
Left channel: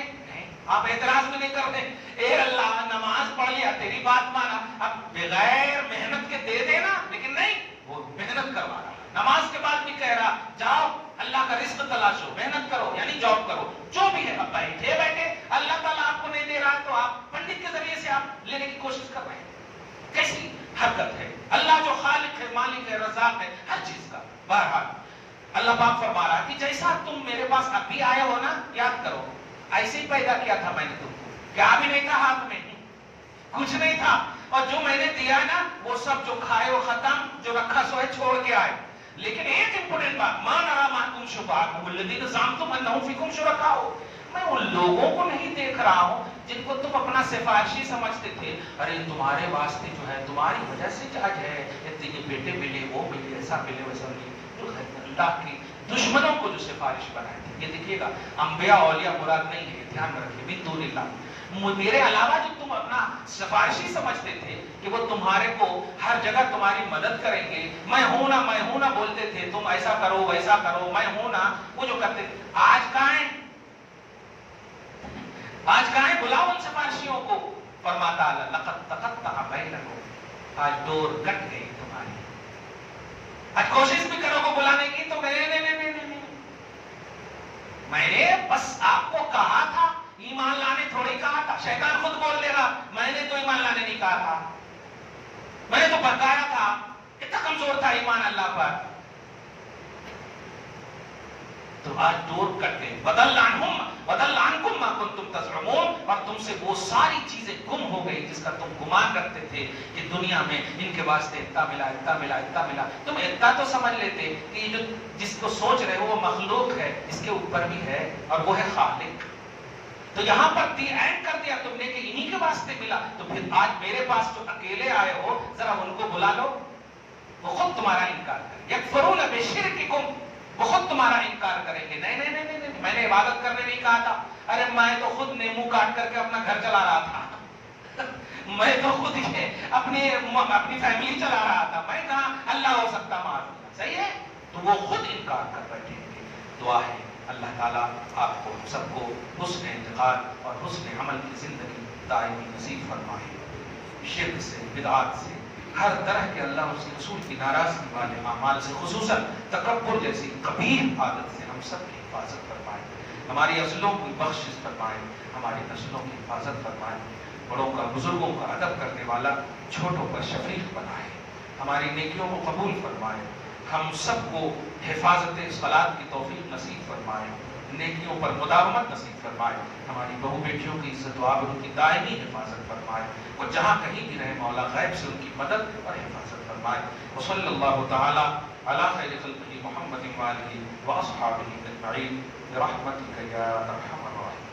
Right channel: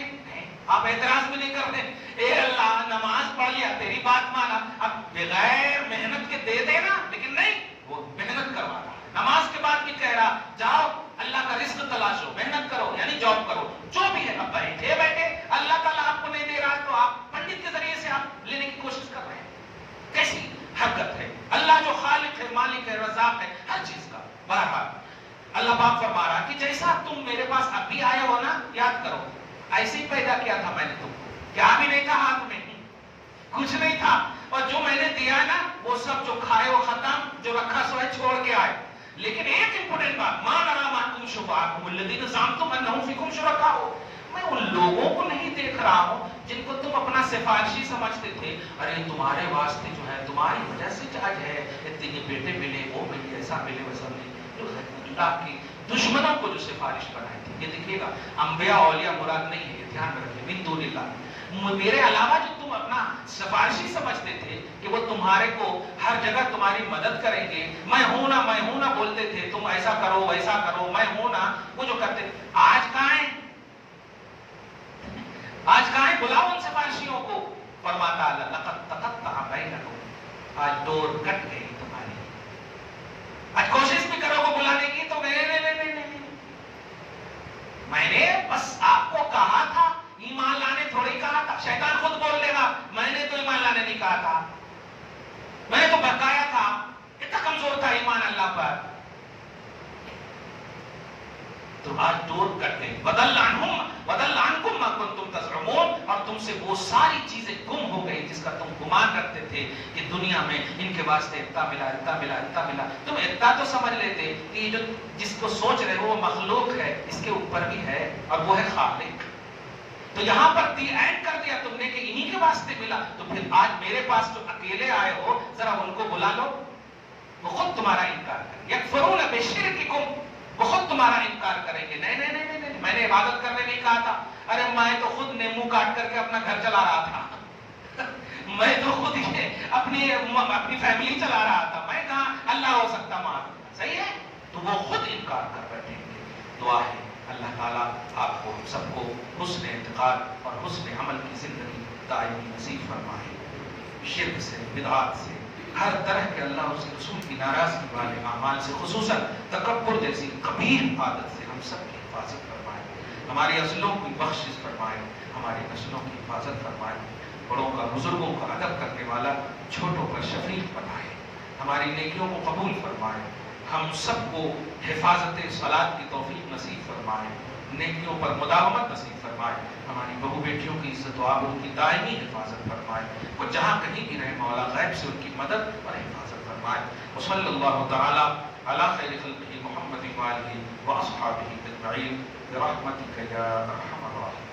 آپ اعتراض بھی نہیں کرتے. اے اللہ نماز پڑھ لیا، تیری بات مانا، اب بغیر محنت کے دے دینا. لیکن نہیں، وہ محنت کروا رہا. نماز کے بعد بھی کہہ رہا جاؤ اللہ کا رزق تلاشو، محنت کرو یعنی جاب کرو، جو بھی ہے. اب بیٹھے بیٹھے اللہ تعالیٰ آپ کو نہیں دے رہا تو آپ پنڈت کے ذریعے سے آپ لینے کی کوشش کر رہے ہیں. کیسی حرکت ہے. اللہ جو خالق ہے، مالک ہے، رزاق ہے ہر چیز کا. بہرحال اللہ پاک فرما رہا کہ جیسا تم میرے پاس ابھی آئے ہو نا، یاد کرو ایسے ہی پیدا کیا تھا میں نے تم کو. کیا بھی نہیں تھا ہاتھ میں، کچھ نہیں تھا. اور جو میں نے دیا ہے نا وہ سب جو کھائے وہ ختم، جو رکھا سو ہے چھوڑ کے آئے. لیکن ایک امپورٹنٹ بات، ما نرى معكم شفعاءكم الذين زعمتم انهم فيكم شركاء. میں ان لوگوں کو نہیں دیکھ رہا ہوں جن کو تم اپنا سفارشی سمجھتے تھے. ارے تمہارے واسطے جو ہے تمہاری وجہ سے آج ہے اتنے بیٹے ملے، وہ ملے، ایسا ملے ویسا ملے. جو ہے اللہ کی دشمنوں کو جو سفارش بنائے تھے. یہ دیکھیے گا انبیاء اولیاء مراد نہیں ہے، یہ دھیان میں رکھیے. من دون اللہ، میرے علاوہ جو تم اپنا سفارشی سمجھتے تھے کہ وہ تمہارے کو ہر جگہ تمہاری مدد کریں گے، میں ہوں نا بولتے تھے، تم ایسا کرو ویسا کرو، میں ہوں نا، وہ جو کرتے تھے آج کہاں ہیں؟ آج کہاں ہیں؟ بلاؤ ان سفارشیوں کو. فرماتا اللہ لقد تقطع بینکم، آج ڈور کٹ گئی تمہاری. آج کوشش بھی کرو گے بلانے کی تو میں نے بس آپ کو کہا تھا، ایمان لانے تھوڑی کہا تھا. شیطان خود بول لے گا میں نے تو ایمان لانے نہیں کہا تھا، میں نے تو بتایا تھا. کتنا کمزور تھا ایمان اللہ پر. تو آج ڈور کٹ گئی. بدل عنکم ما کنتم تزعمون، اور تم سے وہ ساری چیزیں گم ہو گئی جس کا تم گمان رکھتے تھے کہ دنیا میں ان کے واسطے اتنا ملا اتنا ملا اتنا ملا. تم اتنا تو سمجھ لیتے کہ یہ جو جس کو سوچ رہے ہو وہ مخلوق ہے، اس کے اوپر بھی ہے اور وہ ہے خالق. تو یہاں پر دی اینڈ کر دیا تم نے کہ انہی کے واسطے ملا. تو پھر آج میرے پاس جو اکیلے آئے ہو ذرا ان کو بلا لو، وہ خود تمہارا انکار کریں. یکفرون بشرککم، وہ خود تمہارا انکار کریں گے. نہیں نہیں نہیں نہیں، میں نے عبادت کرنے نہیں کہا تھا. ارے میں تو خود نیمو کاٹ کر کے اپنا گھر چلا رہا تھا. میں تو خود ہی اپنی فیملی چلا رہا تھا. میں کہاں اللہ ہو سکتا معاذ. صحیح ہے. تو وہ خود انکار کر بیٹھیں گے. دعا ہے اللہ تعالیٰ آپ کو ہم سب کو حسن اعتقاد اور حسن عمل کی زندگی دائمی نصیب فرمائے. شرک سے، بدعات سے، ہر طرح کے اللہ اور اس کے رسول کی ناراضگی والے اعمال سے، خصوصاً تکبر جیسی قبیح عادت سے ہم سب کی حفاظت فرمائے. ہماری نسلوں کی بخشش فرمائے، ہماری نسلوں کی حفاظت فرمائے. بڑوں کا، بزرگوں کا ادب کرنے والا، چھوٹوں کا شفیق بنائے. ہماری نیکیوں کو قبول فرمائے. ہم سب کو حفاظت صلاۃ کی توفیق نصیب فرمائے، نیکیوں پر مداومت نصیب فرمائے. ہماری بہو بیٹیوں کی عزت و آبرو کی دائمی حفاظت فرمائے. وہ جہاں کہیں بھی رہے مولا غیب سے ان کی مدد اور حفاظت فرمائے. وصلی اللہ تعالی علی خیر خلقہ محمد وآلہ واصحابہ اجمعین برحمتک یا ارحم الراحمین.